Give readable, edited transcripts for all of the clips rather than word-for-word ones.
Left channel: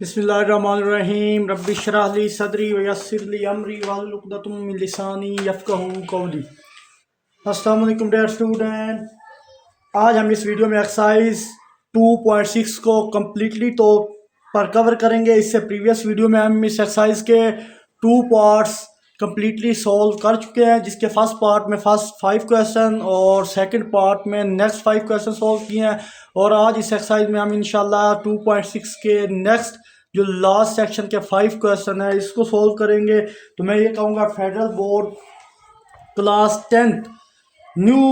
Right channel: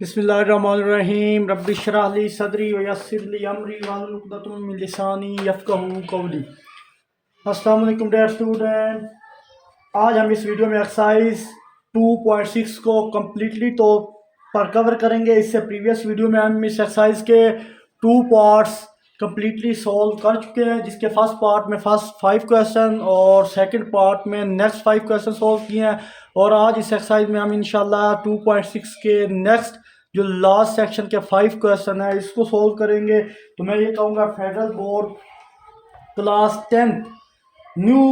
बिस्मिल्लाहिर्रहमानिर्रहीम रब्बि इश्रह ली सदरी व यस्सिर ली अमरी वहलुल उक़दतम मिन लिसानी यफ़क़हू क़ौली। अस्सलाम वालेकुम डियर स्टूडेंट। आज हम इस वीडियो में एक्सरसाइज 2.6 को कम्प्लीटली तौर पर कवर करेंगे। इससे प्रीवियस वीडियो में हम इस एक्सरसाइज के 2 पार्ट्स कम्प्लीटली सॉल्व कर चुके हैं, जिसके फर्स्ट पार्ट में फर्स्ट 5 क्वेश्चन और सेकंड पार्ट में नेक्स्ट 5 क्वेश्चन सॉल्व किए हैं। और आज इस एक्सरसाइज में हम इंशाल्लाह 2.6 के नेक्स्ट जो लास्ट सेक्शन के 5 क्वेश्चन है इसको सोल्व करेंगे। तो मैं ये कहूँगा federal board class 10 new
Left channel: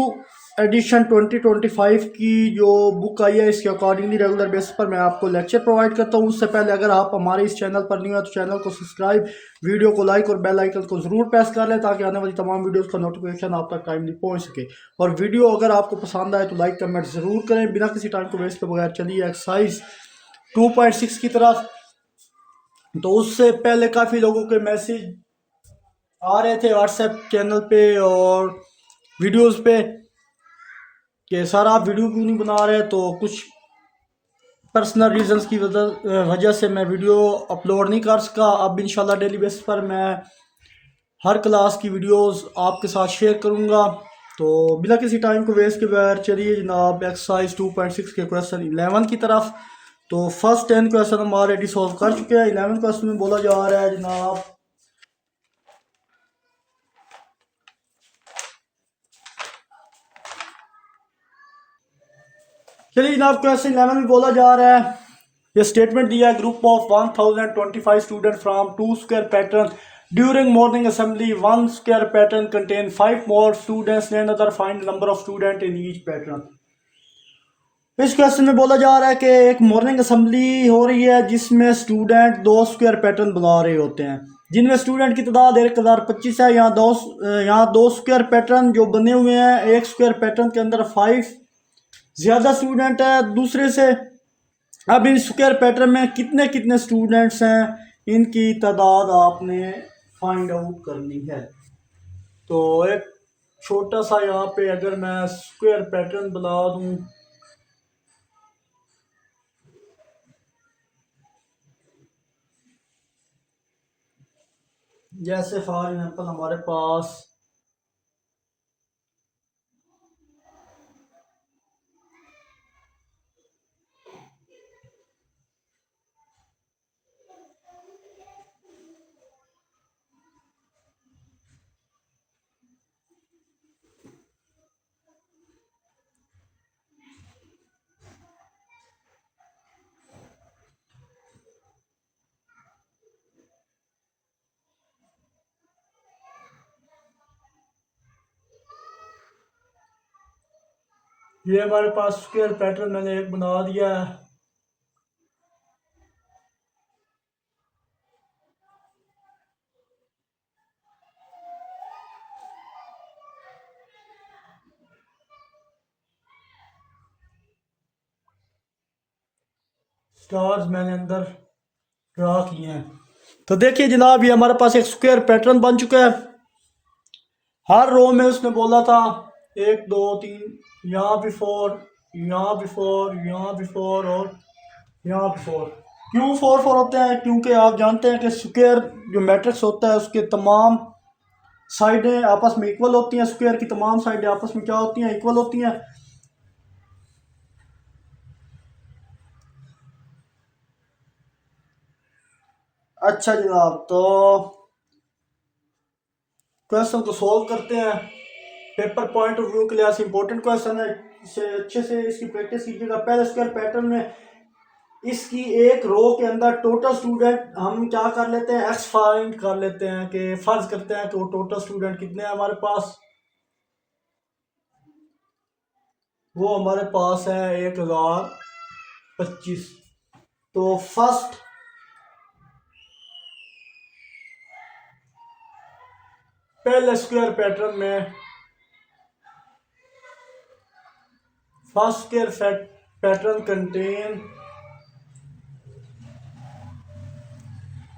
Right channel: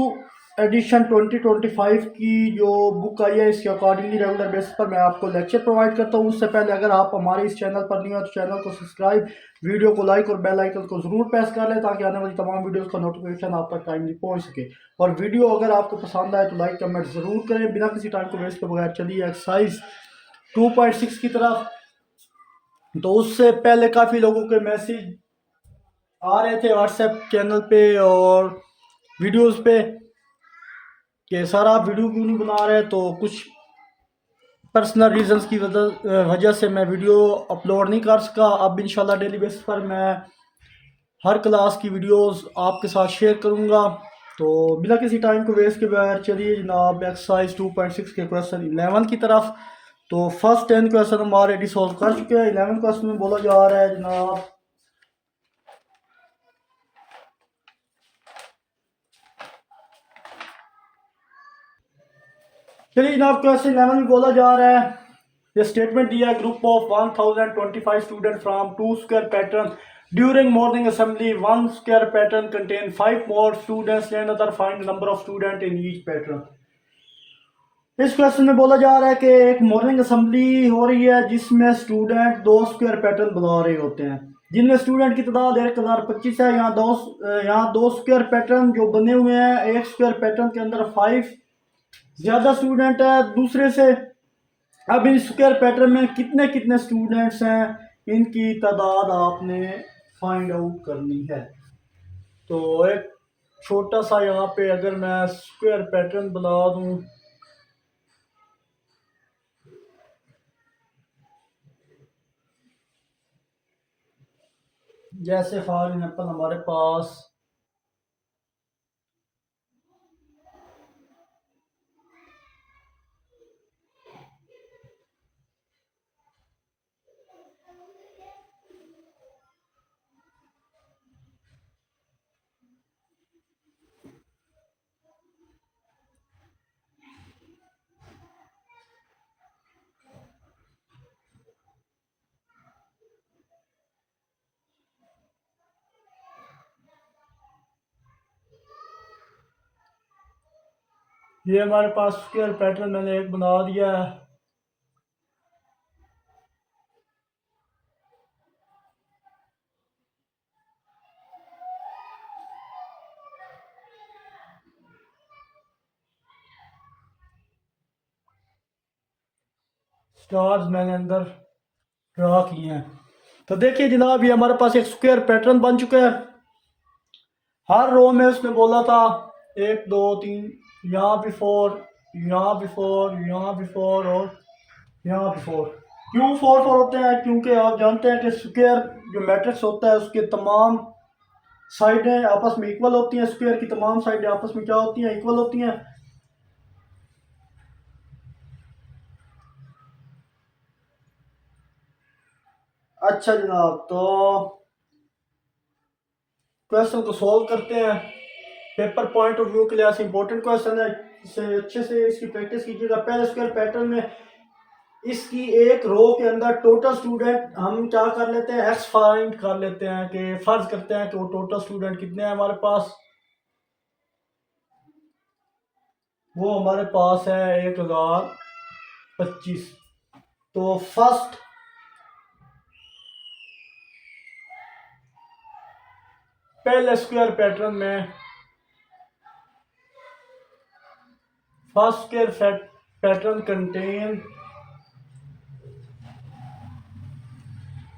edition 2025 की जो बुक आई है, इसके अकॉर्डिंगली रेगुलर बेसिस पर मैं आपको लेक्चर प्रोवाइड करता हूँ। उससे पहले अगर आप हमारे इस चैनल पर न्यू है तो चैनल को सब्सक्राइब, वीडियो को लाइक और बेल आइकन को ज़रूर प्रेस कर लें ताकि आने वाली तमाम वीडियोस का नोटिफिकेशन आप तक टाइमली पहुँच सके। और वीडियो अगर आपको पसंद आए तो लाइक कमेंट ज़रूर करें। बिना किसी टाइम को वेस्ट के बगैर चलिए एक्सरसाइज 2.6 की तरफ। तो उससे पहले काफ़ी लोगों के मैसेज आ रहे थे व्हाट्सएप चैनल पे और वीडियोस पे कि सर आप वीडियो क्यों नहीं बना रहे। तो कुछ पर्सनल रीजंस की वजह से मैं वीडियो अपलोड नहीं कर सका। अब इंशाल्लाह डेली बेसिस पर मैं हर क्लास की वीडियोस आपके साथ शेयर करूंगा। तो बिना किसी टाइम को वेस्ट के बगैर चलिए जनाब एक्सरसाइज 2.6 के क्वेश्चन 11 की तरफ। तो फर्स्ट 10 क्वेश्चन हम ऑलरेडी सॉल्व कर चुके हैं। 11 क्वेश्चन में बोला जा रहा है जनाब, चलिए जनाब क्वेश्चन 11 में बोला जा रहा है, ये स्टेटमेंट दिया है group of 1025 student from 2 square pattern during morning assembly 1 square pattern contain 5 more students than other, find number of student in each pattern. इस क्वेश्चन में बोला जा रहा है कि एक मॉर्निंग असेंबली हो रही है जिसमें स्टूडेंट 2 स्क्वायर पैटर्न बना रहे होते हैं, जिनमें स्टूडेंट की तादाद 1025 है। यहाँ दो स्क्वायर पैटर्न जो बने हुए हैं, एक स्क्वायर पैटर्न के अंदर 5 ज़्यादा स्टूडेंट है दूसरे से। अब इन स्क्वायर पैटर्न में कितने कितने स्टूडेंट्स हैं, इनकी तादाद आपने फाइंड आउट करनी है। तो एक छोटा सा यहाँ पे अगर मैं स्क्वायर पैटर्न बना दूँ, जैसे फॉर एग्जाम्पल हमारे पास ये हमारे पास स्क्वायर पैटर्न मैंने एक बना दिया है। स्टार्स मैंने अंदर ड्रा किए हैं। तो देखिए जनाब, ये हमारे पास एक स्क्वायर पैटर्न बन चुका है। हर रो में उसने बोला था 1 2 3, यहाँ भी 4, यहाँ भी 4, यहाँ भी 4 और यहाँ भी 4। क्यों 4 होते हैं? क्योंकि आप जानते हैं कि स्क्वायर जो मैट्रिक्स होता है उसके तमाम साइडें आपस में इक्वल होती हैं। स्क्वायर की तमाम साइडें आपस में क्या होती हैं? इक्वल होती हैं। अच्छा जनाब, तो क्वेश्चन को सॉल्व करते हैं। पेपर पॉइंट ऑफ व्यू के लिए इंपॉर्टेंट क्वेश्चन है, इसे अच्छे से इसकी प्रैक्टिस कीजिएगा। पहले स्क्वायर पैटर्न में इसकी एक रो के अंदर टोटल स्टूडेंट हम क्या कर लेते हैं, एक्स फाइंड कर लेते हैं कि फर्ज करते हैं कि वो टोटल स्टूडेंट कितने हैं हमारे पास। वो हमारे पास है 1025। तो फर्स्ट पहले स्क्वायर पैटर्न में first square pattern contain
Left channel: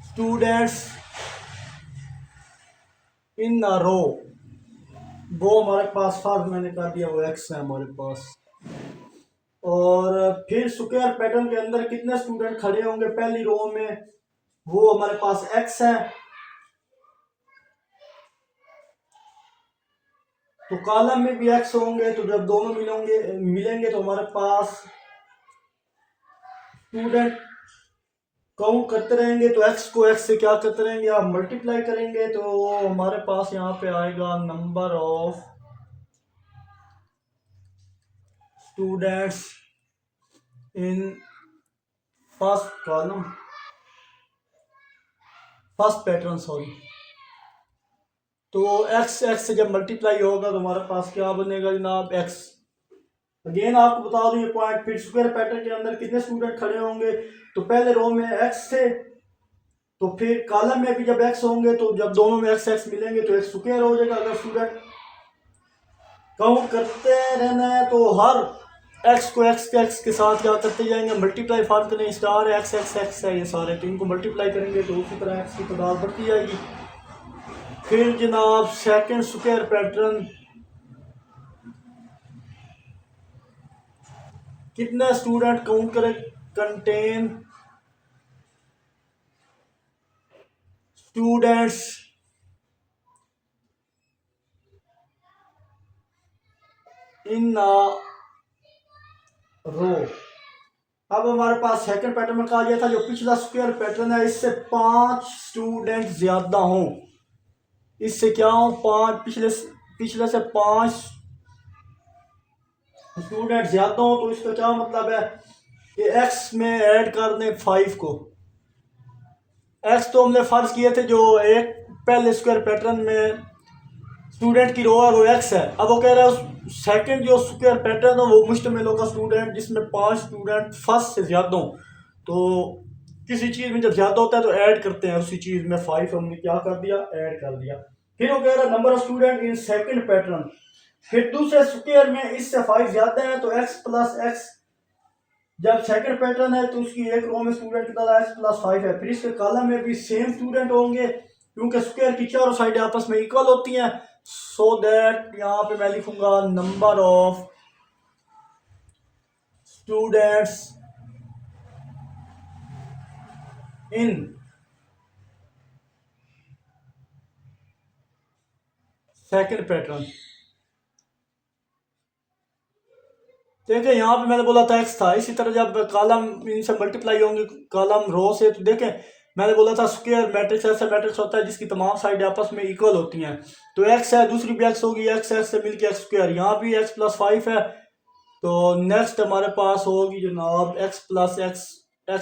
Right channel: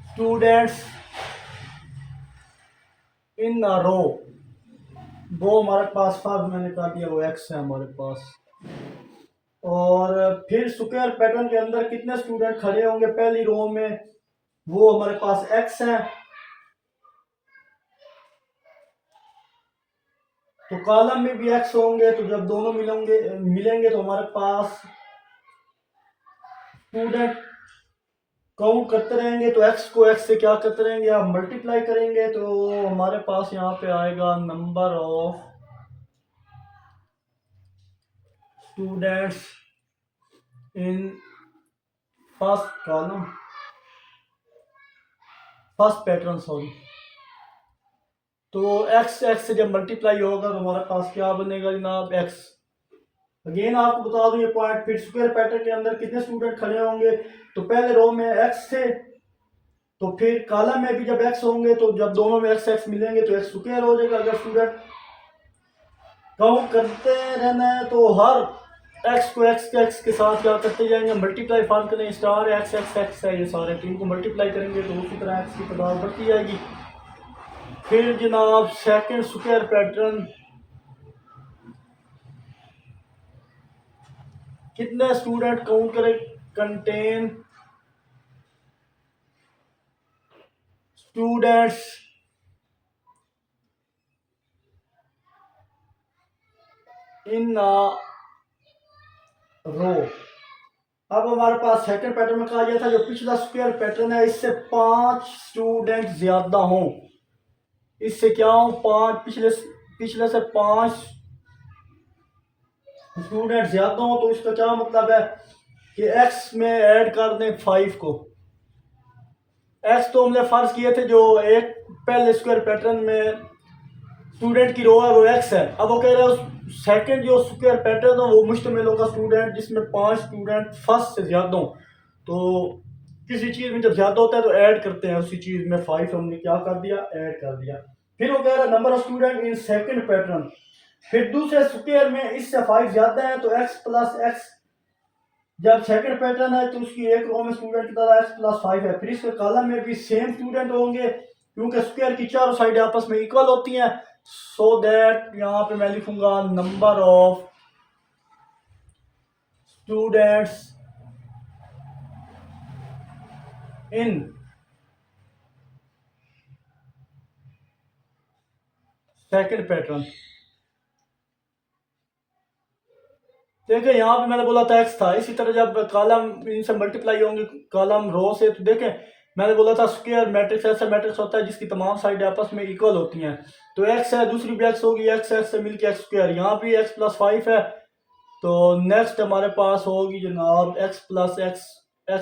students in a row. वो हमारे पास फर्स्ट मैंने कर दिया, वो एक्स है हमारे पास। और फिर स्क्वायर पैटर्न के अंदर कितने स्टूडेंट खड़े होंगे पहली रो में, वो हमारे पास x है। तो कॉलम में भी x होंगे, तो जब दोनों मिलेंगे तो हमारे पास स्टूडेंट काउंट करते रहेंगे। तो x को x से क्या करते रहेंगे, आप मल्टीप्लाई करेंगे तो हमारे पास यहाँ पे आएगा number of students in first column, first pattern sorry. तो x से जब मल्टीप्लाई होगा तो हमारे पास क्या बनेगा जनाब, x। अगेन आपको बता दूं ये पॉइंट, फिर स्क्वायर पैटर्न के अंदर कितने स्टूडेंट खड़े होंगे, तो पहले रो में x थे, तो फिर कॉलम में भी जब x होंगे तो जब दोनों में x मिलेंगे तो x स्क्वायर हो जाएगा। अगर स्टूडेंट काउंट करते रहना है तो हर x को x के साथ क्या करते जाएंगे, मल्टीप्लाई फार करें, स्टार x है ये सारे, तो इनको मल्टीप्लाई करेंगे तो उसी तरह x की तादाद बढ़ती जाएगी। फिर जनाब सेकंड स्क्वायर पैटर्न, कितने स्टूडेंट काउंट करें, कंटेन स्टूडेंट्स इन रो। अब हमारे पास सेकंड पैटर्न में कहा गया था जो पिछला स्क्वायर पैटर्न है इससे 5 स्टूडेंट ज्यादा हों, इससे क्या हो, 5 पिछले से 5 स्टूडेंट ज्यादा हो। तो इसका क्या मतलब है कि x में ऐड कर दें 5 को। x तो हमने फर्ज किए थे जो एक पहले स्क्वायर पैटर्न में स्टूडेंट की रो है वो x है। अब वो कह रहा है सेकंड जो स्क्वायर पैटर्न है वो मुश्तमिल होगा स्टूडेंट जिसमें 5 स्टूडेंट फर्स्ट से ज्यादा हो। तो किसी चीज में जब ज्यादा होता है तो ऐड करते हैं, उसी चीज में 5 हमने क्या कर दिया, ऐड कर दिया। फिर वो कह रहा है number of student in second pattern, फिर दूसरे स्क्वायर में इससे 5 ज्यादा है तो x प्लस x, जब सेकंड पैटर्न है तो उसकी एक रो में स्टूडेंट की तरह x प्लस 5 है। फिर इसके कॉलम में भी सेम स्टूडेंट होंगे क्योंकि स्क्वायर की चारों साइडें आपस में इक्वल होती हैं। सो दैट यहाँ पे मैं लिखूंगा number of students in second pattern. देखिए यहाँ पे मैंने बोला था x था, इसी तरह जब कॉलम इनसे मल्टीप्लाई होंगे कॉलम रो से, तो देखें मैंने बोला था स्क्वायर मैट्रिक्स ऐसा मैट्रिक्स होता है जिसकी तमाम साइड आपस में इक्वल होती हैं। तो x है, दूसरी भी x होगी, x से मिलके x स्क्वायर, यहाँ भी x प्लस 5 है। तो नेक्स्ट हमारे पास होगी जनाब x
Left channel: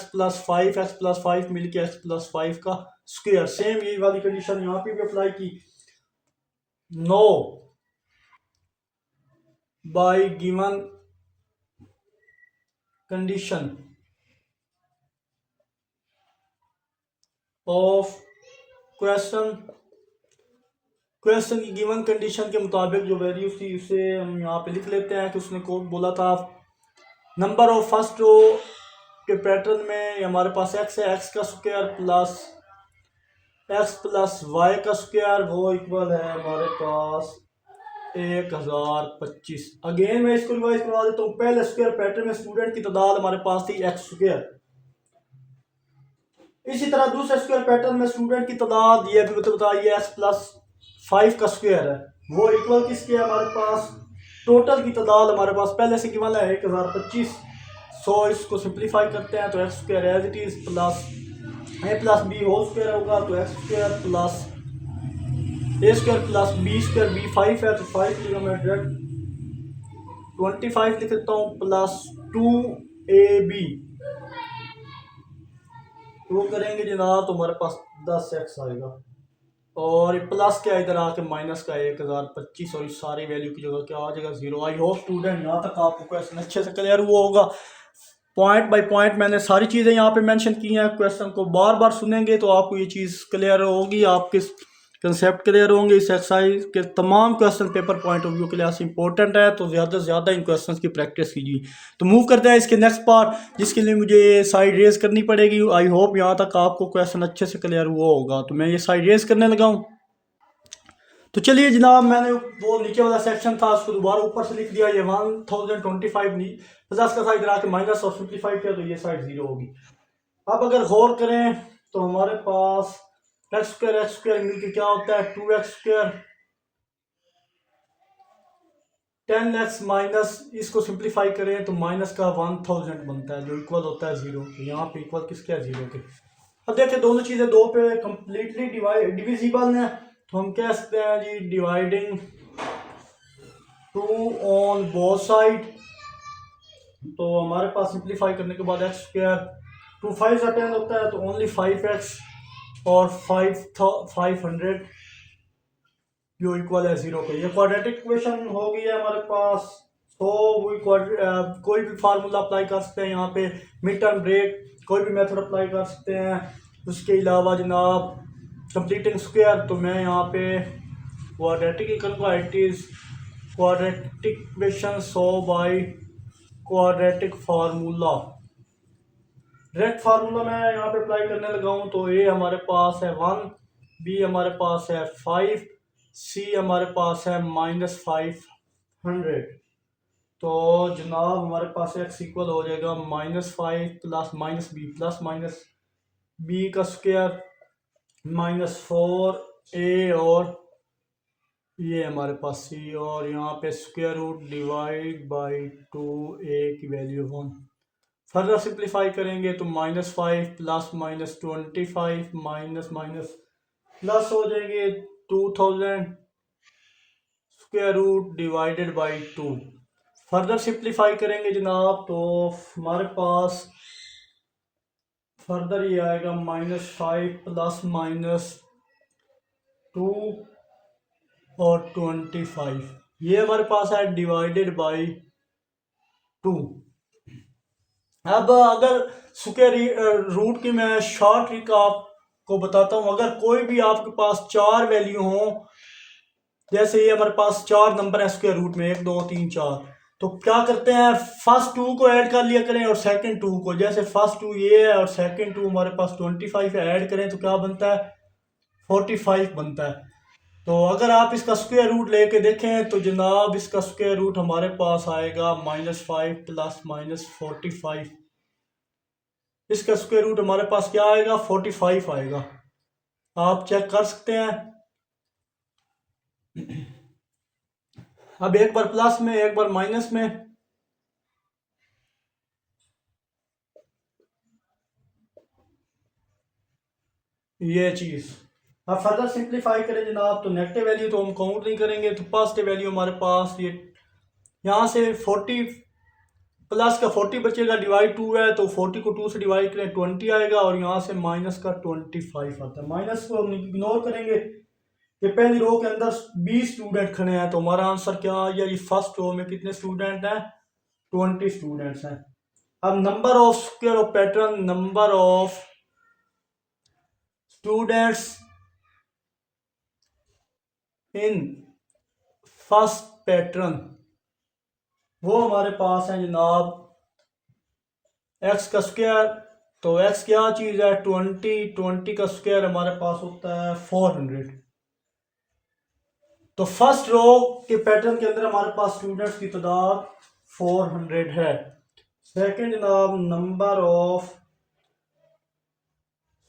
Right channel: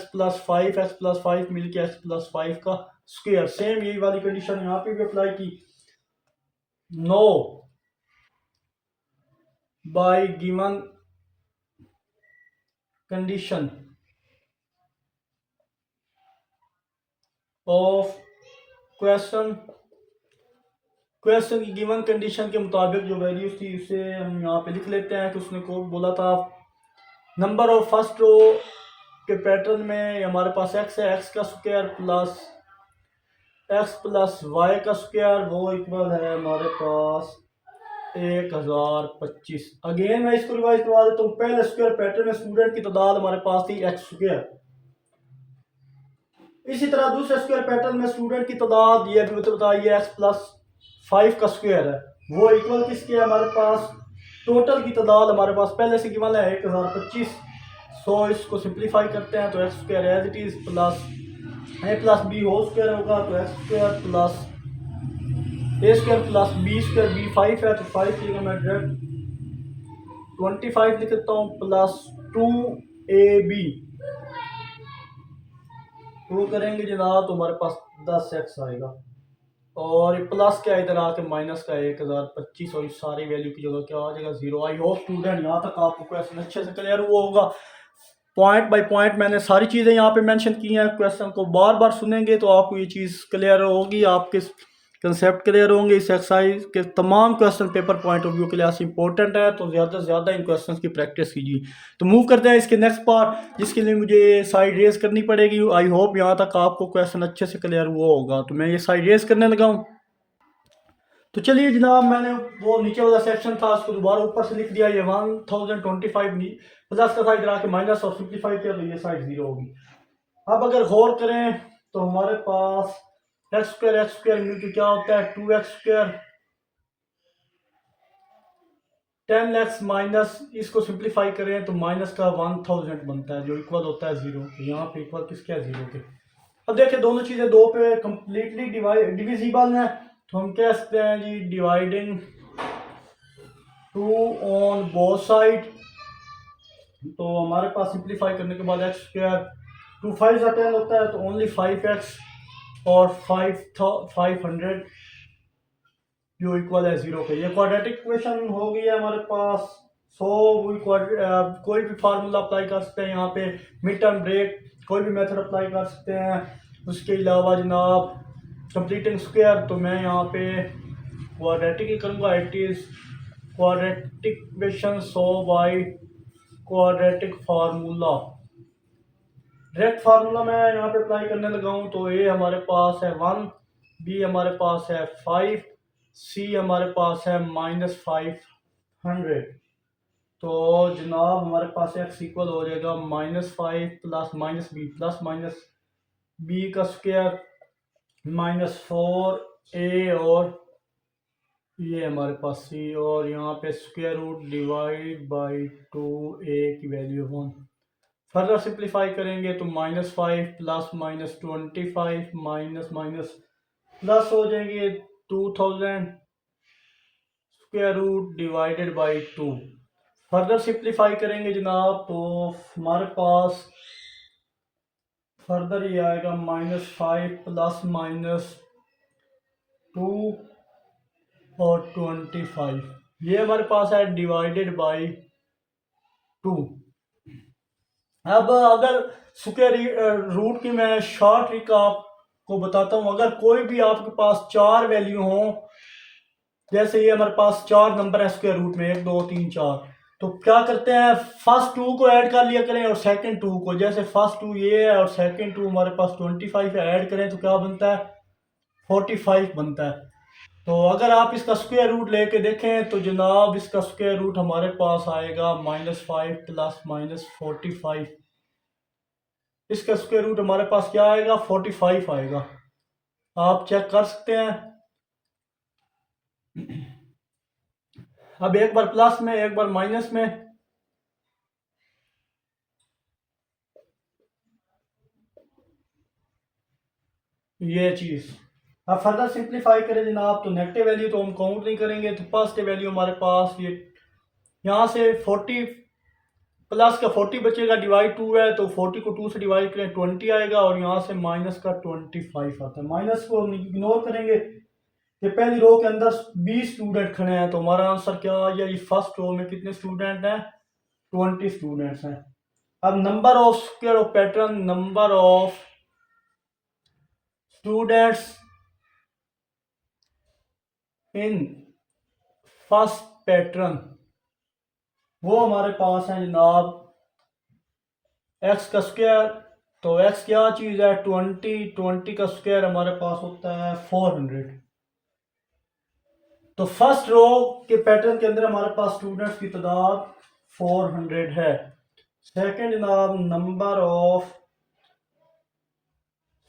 प्लस 5 मिलके x प्लस 5 का स्क्वायर। सेम यही वाली कंडीशन यहाँ पे भी अप्लाई की। No by given condition of question की गिवन कंडीशन के मुताबिक जो वैल्यूज थी उसे हम यहाँ पे लिख लेते हैं कि उसने को बोला था नंबर ऑफ फर्स्ट रो के पैटर्न में हमारे पास x है, x का स्क्वायर प्लस y का स्क्वायर वो इक्वल है हमारे पास 1025। अगेन मैं इसको रिवाइज करवा देता हूँ। पहले स्क्वायर पैटर्न में स्टूडेंट की तादाद हमारे पास थी x स्क्वायर, इसी तरह दूसरे स्क्वायर पैटर्न में स्टूडेंट की तादाद ये भी बताइए x प्लस 5 का स्क्वायर है, वो इक्वल किसके है, हमारे पास टोटल की तादाद हमारे पास पहले से गिवन है 1025। सो इसको सिंप्लीफाई करते हैं तो x square as it is plus a plus B whole square होगा, तो x square plus a square plus B square, B 5 है तो 5 की मैं डायरेक्ट 25 लिख देता हूँ प्लस 2ab, वो करेंगे जनाब तो हमारे पास 10x आएगा और प्लस क्या इधर आके माइनस का 1025 और इस सारी वैल्यू की जगह क्या आ जाएगा 0। आई होप स्टूडेंट यहाँ तक आपको क्वेश्चन अच्छे से क्लियर हुआ होगा। पॉइंट बाय पॉइंट मैंने सारी चीज़ें यहाँ पे मेंशन की हैं, क्वेश्चन को बार बार सुनेंगे तो आपको ये चीज़ क्लियर होगी, आपके कंसेप्ट क्लियर होंगे। इस एक्सरसाइज के तमाम question paper point of view के लिए इंपॉर्टेंट है, तो ज़्यादा से ज़्यादा इन क्वेश्चंस की प्रैक्टिस कीजिए। तो मूव करते हैं इसके नेक्स्ट पार्ट जिसके लिए मुझे ये साइड रेज करनी पड़ेगी। आई होप यहाँ तक आपको क्वेश्चन अच्छे से क्लियर हुआ होगा। तो मैं ये साइड रेज करने लगा हूँ। तो चलिए जनाब, मैंने वो नीचे वाला सेक्शन था उसको दोबारा ऊपर से लिख दिया। ये 1025 प्लस का साइड गिरा के माइनस और सिंप्लीफाई किया तो ये साइड 0 होगी। अब अगर गौर करें तो हमारे पास एक्स स्क्वायर मिलकर क्या होता है 2x²। 10x माइनस इसको सिंप्लीफाई करें तो माइनस का 1000 बनता है जो इक्वल होता है 0 के। यहाँ पे इक्वल किसके है 0 के। अब देखिए दोनों चीज़ें दो पे कंप्लीटली डिविजिबल हैं तो हम कह सकते हैं जी डिवाइडिंग 2 ऑन बोथ साइड। तो हमारे पास सिंप्लीफाई करने के बाद x², 2 5 का 10 होता है तो ओनली 5x और 500 जो इक्वल है 0 के। ये क्वाड्रेटिक इक्वेशन हो गई है हमारे पास। सो कोई भी फार्मूला अप्लाई कर सकते हैं यहाँ पे, मिड टर्म ब्रेक कोई भी मेथड अप्लाई कर सकते हैं। उसके अलावा जनाब कंप्लीटिंग स्क्वायर तो मैं यहाँ पे क्वाड्रेटिक ही करूँगा। It is quadratic equation so by quadratic formula. Direct formula मैं यहाँ पे अप्लाई करने लगा हूँ तो ए हमारे पास है 1, बी हमारे पास है 5, सी हमारे पास है -500। तो जनाब हमारे पास x इक्वल हो जाएगा -5 प्लस माइनस बी का स्क्वायर -4a और ये हमारे पास सी और यहाँ पे square root divide by 2a की वैल्यू 1। फर्दर सिंप्लीफाई करेंगे तो -5 प्लस -25 माइनस माइनस प्लस हो जाएंगे 2000 square root divided by 2। Further simplify करेंगे जनाब तो हमारे पास फर्दर ये आएगा -5 प्लस -2 और 25 ये हमारे पास है डिवाइडेड बाई 2। अब अगर स्क्वायर रूट की मैं शॉर्ट ट्रिक आपको बताता हूँ। अगर कोई भी आपके पास 4 वैल्यू हो, जैसे ये हमारे पास 4 नंबर है स्क्वायर रूट में 1 2 3 4, तो क्या करते हैं फर्स्ट 2 को ऐड कर लिया करें और सेकंड 2 को। जैसे फर्स्ट 2 ये है और सेकंड 2 हमारे पास 25 है, ऐड करें तो क्या बनता है 45 बनता है। तो अगर आप इसका स्क्वायर रूट लेके देखें तो जनाब इसका स्क्वायर रूट हमारे पास आएगा -5 प्लस -45। इसका स्क्वायर रूट हमारे पास क्या आएगा 45 आएगा। आप चेक कर सकते हैं। अब एक बार प्लस में एक बार माइनस में, ये चीज। अब फर्दर सिंप्लीफाई करें जनाब तो नेगेटिव वैल्यू तो हम काउंट नहीं करेंगे तो पॉजिटिव वैल्यू हमारे पास ये यहाँ से 40 प्लस का 40 बचेगा, डिवाइड 2 है तो 40 को 2 से डिवाइड करें 20 आएगा और यहाँ से माइनस का 25 आता है। माइनस को हम इग्नोर करेंगे कि पहली रो के अंदर 20 स्टूडेंट खड़े हैं तो हमारा आंसर क्या आ गया, ये फर्स्ट रो में कितने स्टूडेंट हैं 20 स्टूडेंट्स हैं। अब number of square of pattern, number of students in first pattern वो हमारे पास है जनाब एक्स का स्क्वायर। तो एक्स क्या चीज़ है 20 का स्क्वायर हमारे पास होता है 400। तो फर्स्ट रो के पैटर्न के अंदर हमारे पास स्टूडेंट्स की तादाद 400 है। सेकंड जनाब number of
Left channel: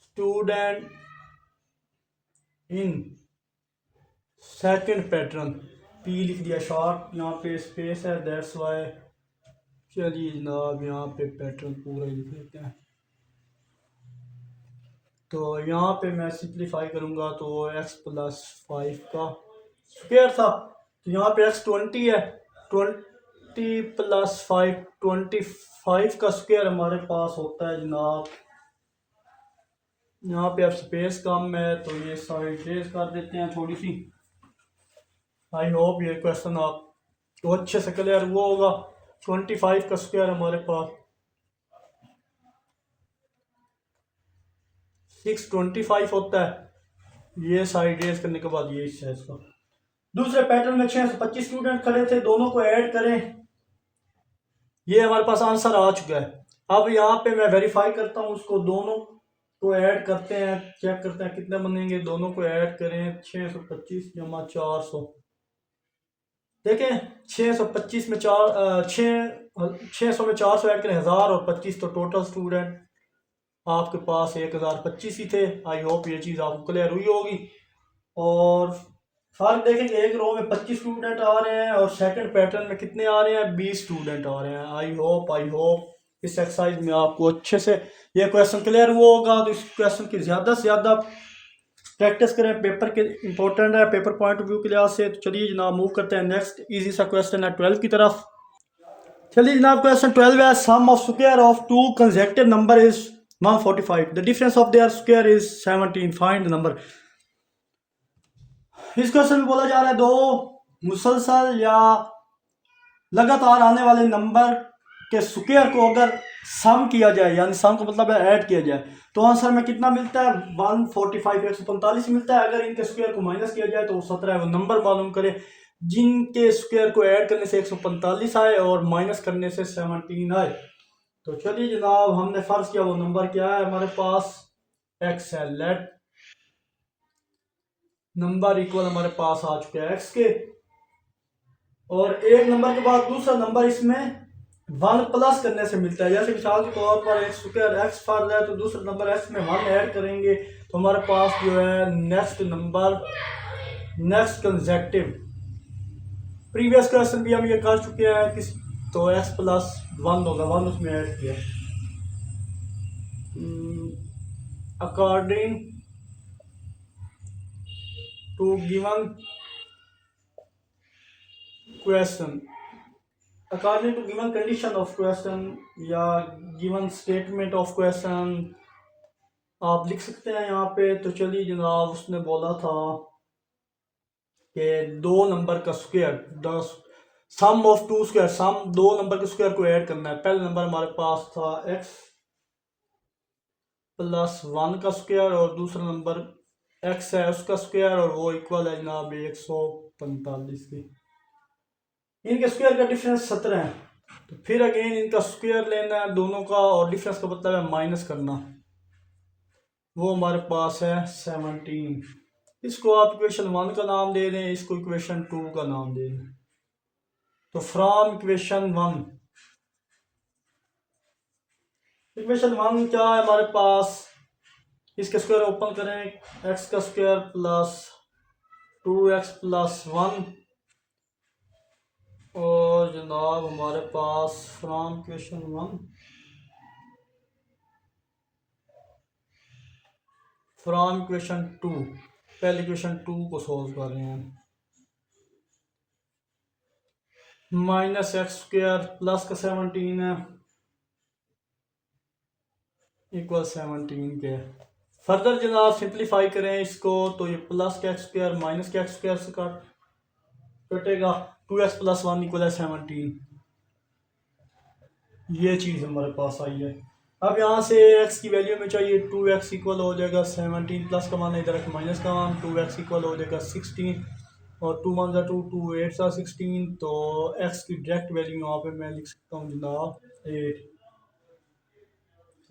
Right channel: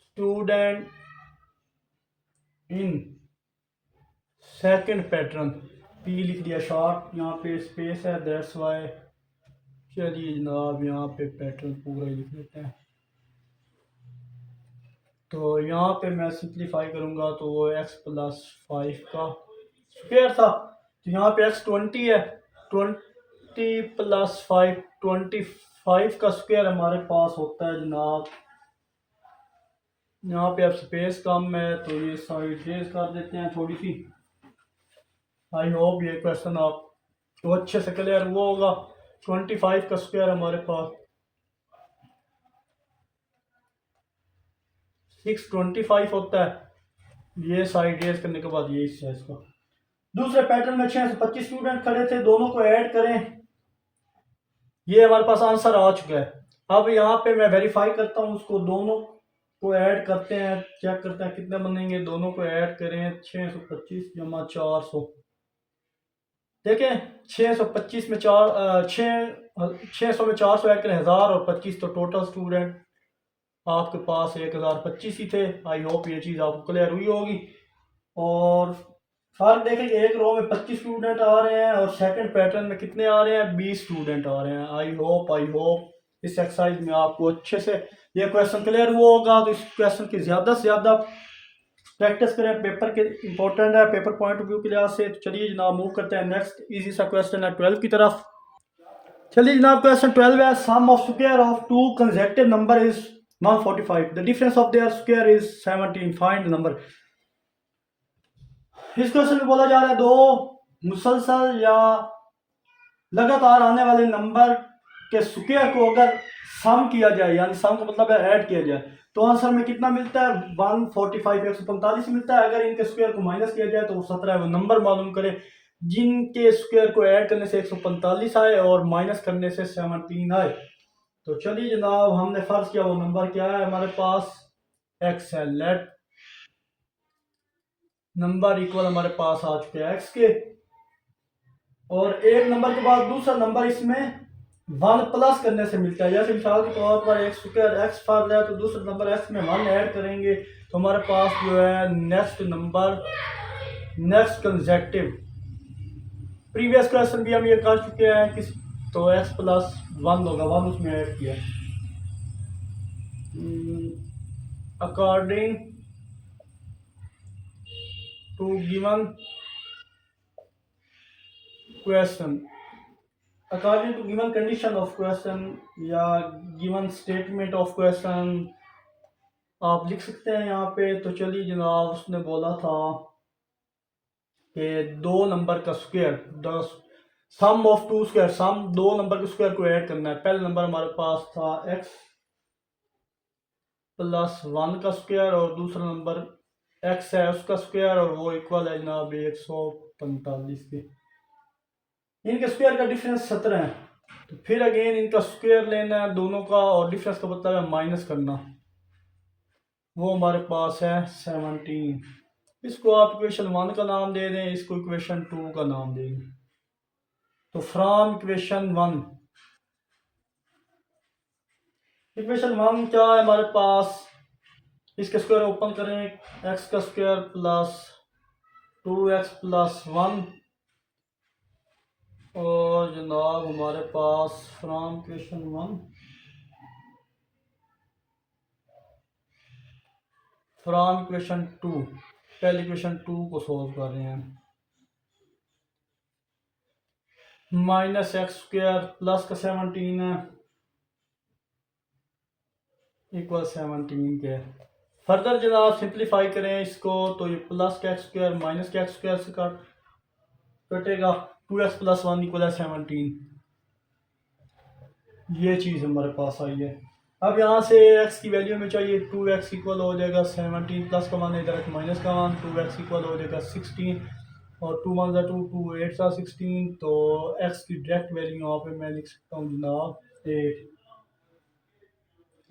student in second pattern, P लिख दिया शॉर्ट, यहाँ पे स्पेस है दैट्स वाई। चलिए जनाब यहाँ पे पैटर्न पूरा ही लिख लेते हैं। तो यहाँ पे मैं सिंप्लीफाई करूँगा तो x प्लस 5 का स्क्वायर था तो यहाँ पे x 20 है, 20 प्लस 5 25 का स्क्वायर हमारे पास होता है जनाब। यहाँ पे अब स्पेस कम है तो ये साइड रेज कर देते हैं थोड़ी सी। आई होप ये क्वेश्चन आप तो अच्छे से क्लियर हुआ होगा। 25 का स्क्वायर हमारे पास 625 होता है। ये साइड रेज करने के बाद ये हिस्सा है इसका। दूसरे पैटर्न में 625 स्टूडेंट खड़े थे, दोनों को ऐड करें, ये हमारे पास आंसर आ चुका है। अब यहाँ पे मैं वेरीफाई करता हूँ उसको, दोनों को ऐड करते हैं, चेक करते हैं कितने बनेंगे। दोनों को ऐड करें 625 जमा 400 देखें 625 में 600 में 400 ऐड करें 1000 और 25, तो टोटल स्टूडेंट आपके पास 1025 ही थे। आई होप ये चीज़ आपको क्लियर हुई होगी। और फर्क देखें कि एक रो में 25 स्टूडेंट आ रहे हैं और सेकंड पैटर्न में कितने आ रहे हैं, 20 स्टूडेंट आ रहे हैं। आई होप इस एक्सरसाइज में आपको अच्छे से ये क्वेश्चन क्लियर हुआ होगा। तो इस क्वेश्चन की ज़्यादा से ज़्यादा प्रैक्टिस करें, पेपर के इंपॉर्टेंट है पेपर पॉइंट ऑफ व्यू के लिहाज से। तो चलिए जनाब मूव करते हैं नेक्स्ट इजी सा क्वेश्चन है 12 की तरफ। चलिए जनाब क्वेश्चन 12 है, sum of square of two consecutive number is 145, the difference of their square is 17, find the number. इस क्वेश्चन में बोला जा रहा है दो मुसलसल या लगातार आने वाले नंबर के स्क्वायर को अगर सम किया जाए, यानी सम का मतलब है ऐड किया जाए, तो आंसर में कितना मिलता है 145, 145 मिलता है। अगर इनके स्क्वायर को माइनस किया जाए तो 17 है। वो नंबर मालूम करे जिनके स्क्वायर को ऐड करने से 145 आए और माइनस करने से 17 आए। तो चलिए जनाब हमने फर्ज किया वो नंबर क्या है हमारे पास, एक्स है। लेट नंबर इक्वल हमारे पास आ चुके हैं एक्स के, और एक नंबर के बाद दूसरा नंबर इसमें 1 प्लस करने से मिलता है। जैसे मिसाल के तौर पर एक्स स्क्वायर एक्स फर्ज है तो दूसरा नंबर एक्स में 1 ऐड करेंगे तो हमारे पास जो है next number next consecutive. Previous question भी हम ये कर चुके हैं किस, तो एक्स प्लस 1 होगा, 1 उसमें ऐड किया। According to given question, according to given condition of question या गिवन स्टेटमेंट ऑफ क्वेश्चन आप लिख सकते हैं यहाँ पे। तो चलिए जनाब उसने बोला था कि दो नंबर का square, the sum of two square, sum दो नंबर के स्क्वायर को ऐड करना है। पहला नंबर हमारे पास था एक्स प्लस 1 का स्क्वायर और दूसरा नंबर एक्स है उसका स्क्वायर, और वो इक्वल है जनाब 145 के। इनके स्क्वायर का डिफरेंस 17 है। तो फिर अगेन इनका स्क्वायर लेना है दोनों का, और डिफरेंस का मतलब है माइनस करना, वो हमारे पास है 17। इसको आप इक्वेशन 1 का नाम दे दें, इसको इक्वेशन 2 का नाम दे दें। तो फ्रॉम इक्वेशन 1 क्या है हमारे पास, इसके स्क्वायर ओपन करें, एक्स का स्क्वायर प्लस 2x प्लस 1, और जनाब हमारे पास फ्रॉम इक्वेशन 1 फ्रॉम इक्वेशन 2, पहले इक्वेशन 2 को सोल्व कर रहे हैं। माइनस एक्स स्क्वायर प्लस का 17 है इक्वल 17 के। फर्दर जनाब सिंप्लीफाई करें इसको, तो ये प्लस का एक्स स्क्वायर माइनस का एक्स स्क्वायर से कटेगा, 2x प्लस 1 इक्वल है 17। ये चीज़ हमारे पास आई है। अब यहाँ से x की वैल्यू में चाहिए 2x इक्वल हो जाएगा 17 प्लस का मान इधर माइनस का मान, 2x इक्वल हो जाएगा 16 और 2 1 2 2 8 16। तो x की डायरेक्ट वैल्यू यहाँ पे मैं लिख सकता हूँ जनाब 8।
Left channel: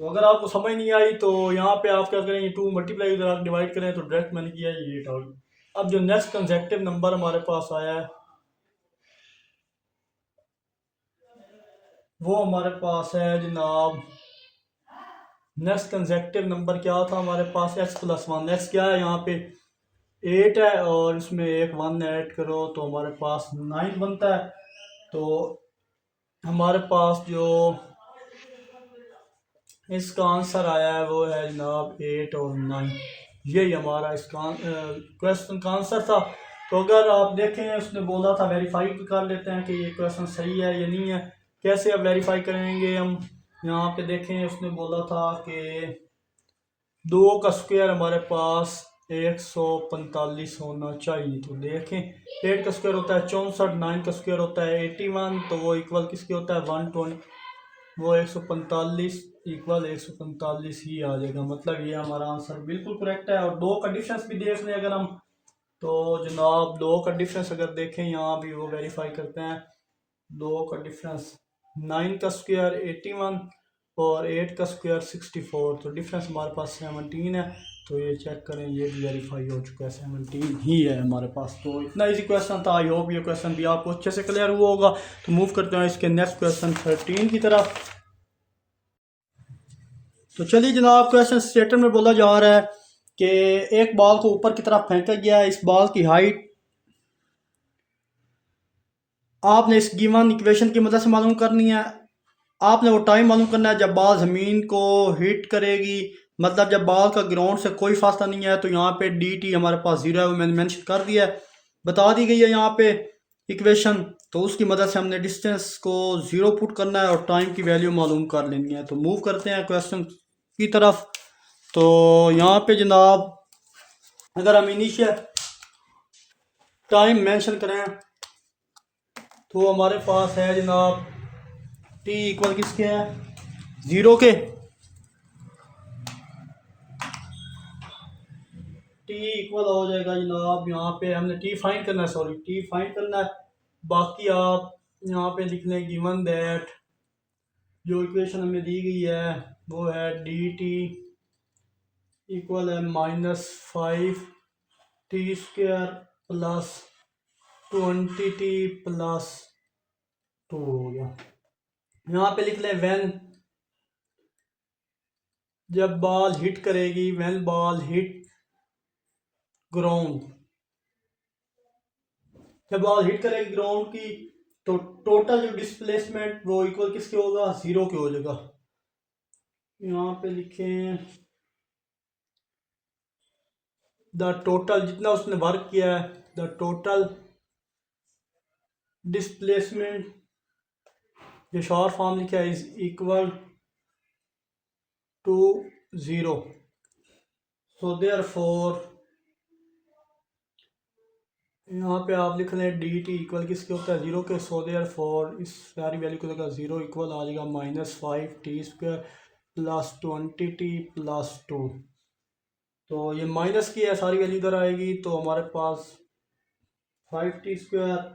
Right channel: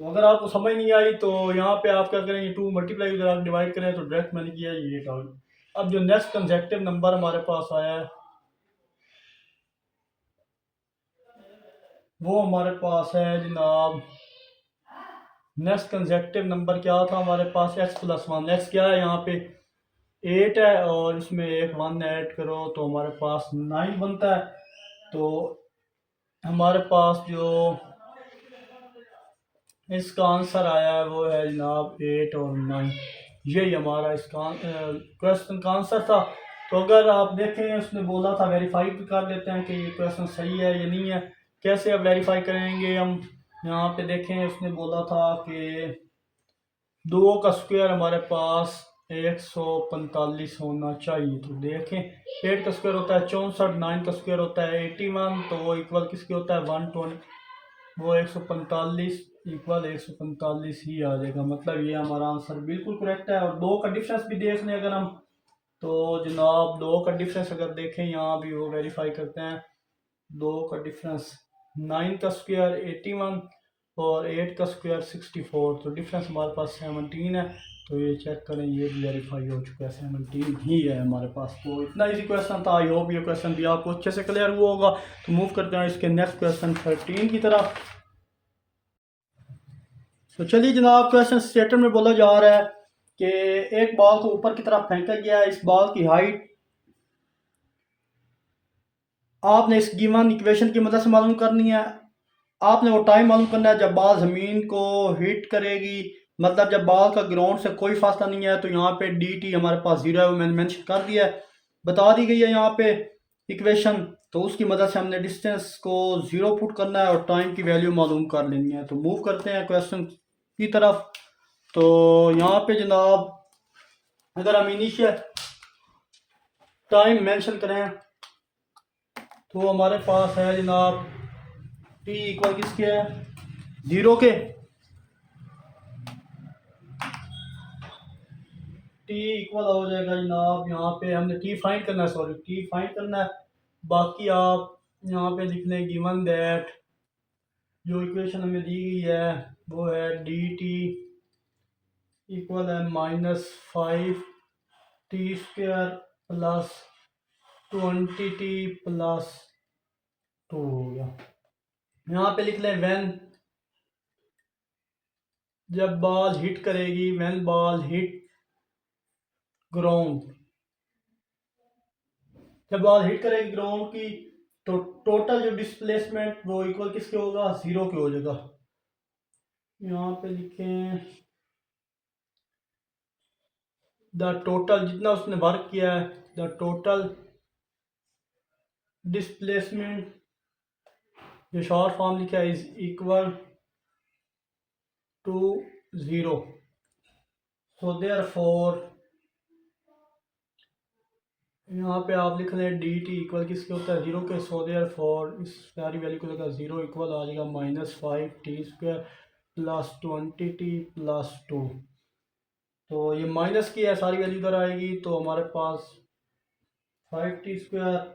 तो अगर आपको समझ नहीं आई तो यहाँ पे आप क्या करें, ये 2 मल्टीप्लाई अगर आप डिवाइड करें तो डायरेक्ट मैंने किया ये 8 आउट। अब जो नेक्स्ट कंसेक्टिव नंबर हमारे पास आया है वो हमारे पास है जनाब, नेक्स्ट कंसेक्टिव नंबर क्या था हमारे पास, x प्लस 1। एक्स क्या है यहाँ पे 8 है और इसमें एक 1 ऐड करो तो हमारे पास 9 बनता है। तो हमारे पास जो इसका आंसर आया है वो है जनाब 8 और 9। यही हमारा इसका क्वेश्चन का आंसर था। तो अगर आप देखें उसने बोला था वेरीफाई कर लेते हैं कि ये क्वेश्चन सही है या नहीं है। कैसे अब वेरीफाई करेंगे हम, यहाँ पे देखें उसने बोला था कि 2 का स्क्वायर हमारे पास 145 होना चाहिए। तो देखें 8 का स्क्वायर होता है 64, 9 का स्क्वायर होता है 81, तो वो इक्वल किसके होता है 120, वो 145 इक्वल 145 ही आ जाएगा। मतलब ये हमारा आंसर बिल्कुल करेक्ट है। और 2 का डिफरेंस भी देख लें अगर हम, तो जनाब 2 का डिफरेंस अगर देखें यहाँ भी वो वेरीफाई करते हैं। 2 का डिफरेंस 9 का स्क्वायर 81 और 8 का स्क्वायर 64, तो डिफरेंस हमारे पास 17 है। तो ये चेक करें, ये भी वेरीफाई हो चुका है, 17 ही है हमारे पास। तो इतना इजी क्वेश्चन था। आई होप ये क्वेश्चन भी आपको अच्छे से क्लियर हुआ होगा। तो मूव करते हैं इसके नेक्स्ट क्वेश्चन 13 की तरफ। तो चलिए जनाब, क्वेश्चन स्टेटमेंट में बोला जा रहा है कि एक बॉल को ऊपर की तरफ फेंका गया है। इस बॉल की हाइट आपने इस गिवन इक्वेशन की मदद से मालूम करनी है। आपने वो टाइम मालूम करना है जब बॉल ज़मीन को हिट करेगी, मतलब जब बॉल का ग्राउंड से कोई फासला नहीं है। तो यहाँ पे डी टी हमारे पास ज़ीरो है, वो मैंने मेंशन कर दिया है, बता दी गई है यहाँ पे इक्वेशन। तो उसकी मदद से हमने डिस्टेंस को ज़ीरो पुट करना है और टाइम की वैल्यू मालूम कर लेनी है। तो मूव करते हैं क्वेश्चन की तरफ। तो यहाँ पे जनाब, अगर हम इनिशियल टाइम मेंशन करें तो हमारे पास है जनाब टी इक्वल किसके है, ज़ीरो के। टी इक्वल हो जाएगा जनाब, यहाँ पे हमने टी फाइंड करना है, सॉरी टी फाइंड करना है। बाकी आप यहाँ पे लिख लें गिवन दैट, जो इक्वेशन हमें दी गई है वो है डी टी इक्वल है -5t² प्लस 20t+2 हो गया। यहाँ पे लिख लें व्हेन, जब बॉल हिट करेगी, व्हेन बॉल हिट ग्राउंड, जब बॉल हिट करेगी ग्राउंड की, तो टोटल जो डिस्प्लेसमेंट वो इक्वल किसके होगा, ज़ीरो के हो जाएगा। यहाँ पे लिखें द टोटल, जितना उसने वर्क किया है, द टोटल डिस्प्लेसमेंट, जो शॉर्ट फॉर्म लिखा है, is equal to zero. So therefore यहाँ पे आप लिख लें डी टी इक्वल किसके होता है, ज़ीरो के। सो देयरफॉर इस सारी वैल्यू को लगा ज़ीरो इक्वल आ जाएगा -5t² प्लस 20t+2। तो ये माइनस की है, सारी वैल्यू इधर आएगी, तो हमारे पास 5t²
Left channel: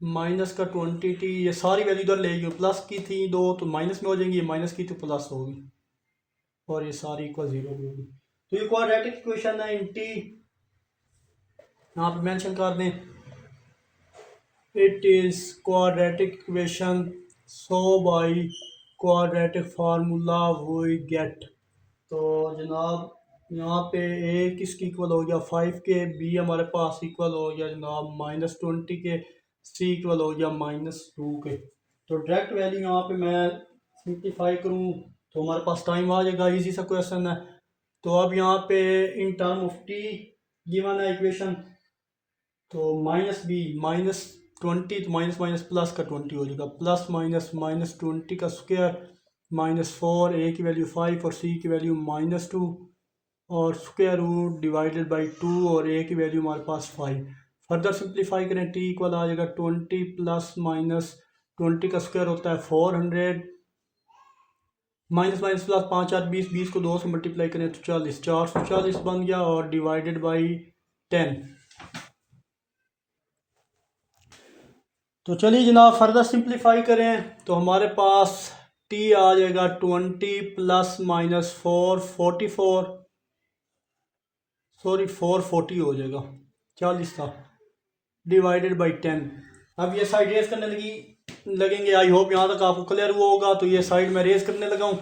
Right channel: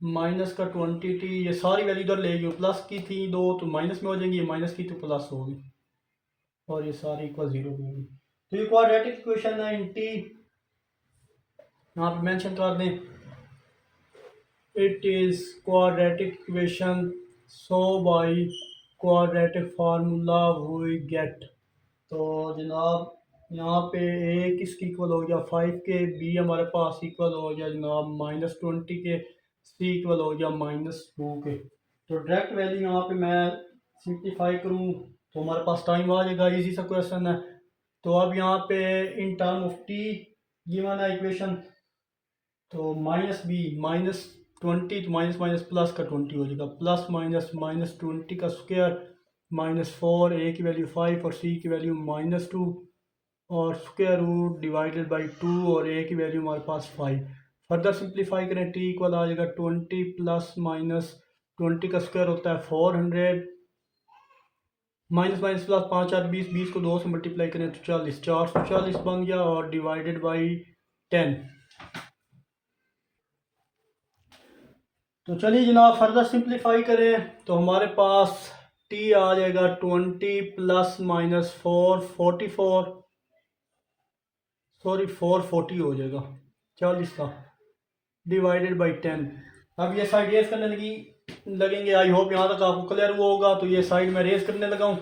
माइनस का 20t, ये सारी वैल्यू इधर लेगी। प्लस की थी दो तो माइनस में हो जाएंगी, माइनस की तो प्लस होगी, और ये सारी इक्वल ज़ीरो होगी। तो ये क्वाड्रेटिक इक्वेशन है इन टी, यहाँ पे मेंशन कर दें, it is quadratic equation, so by quadratic formula we get. तो जनाब यहाँ पे ए किसकी इक्वल हो गया 5 के, बी हमारे पास इक्वल हो गया जनाब -20 के, सी इक्वल हो गया -2 के। तो डायरेक्ट वैल्यू यहाँ पे मैं सिंप्लीफाई करूँ तो हमारे पास टाइम आ जाएगा, इजी सा क्वेश्चन है। तो अब यहाँ पे in term of T given है इक्वेशन, तो -20, तो माइनस माइनस प्लस का 20 हो जाएगा, प्लस माइनस -20 का स्क्वायर -4, ए की वैल्यू 5 और सी की वैल्यू -2, और स्क्वायर रूट डिवाइडेड बाई 2, और ए की वैल्यू हमारे पास 5। फर्दर सिंप्लीफाई करें, टी इक्वल आ जाएगा 20 प्लस -20 का स्क्वायर होता है 400, माइनस माइनस प्लस 5 4 20, 20 को 2 से मल्टीप्लाई करें तो 40, 440 बन गया, और डिवाइडेड बाई 10। तो चलिए जनाब फर्दर सिंप्लीफाई करें तो हमारे पास टी आ जाएगा 20 प्लस -4 44, सॉरी 440 हो जाएगा, 40 का, डिवाइडेड बाई 10। अब ये साइड रेस करने लगेंगे। आई होप यहाँ तक आपको क्लियर हुआ होगा। तो ये साइड में रेस करने लगा हूँ।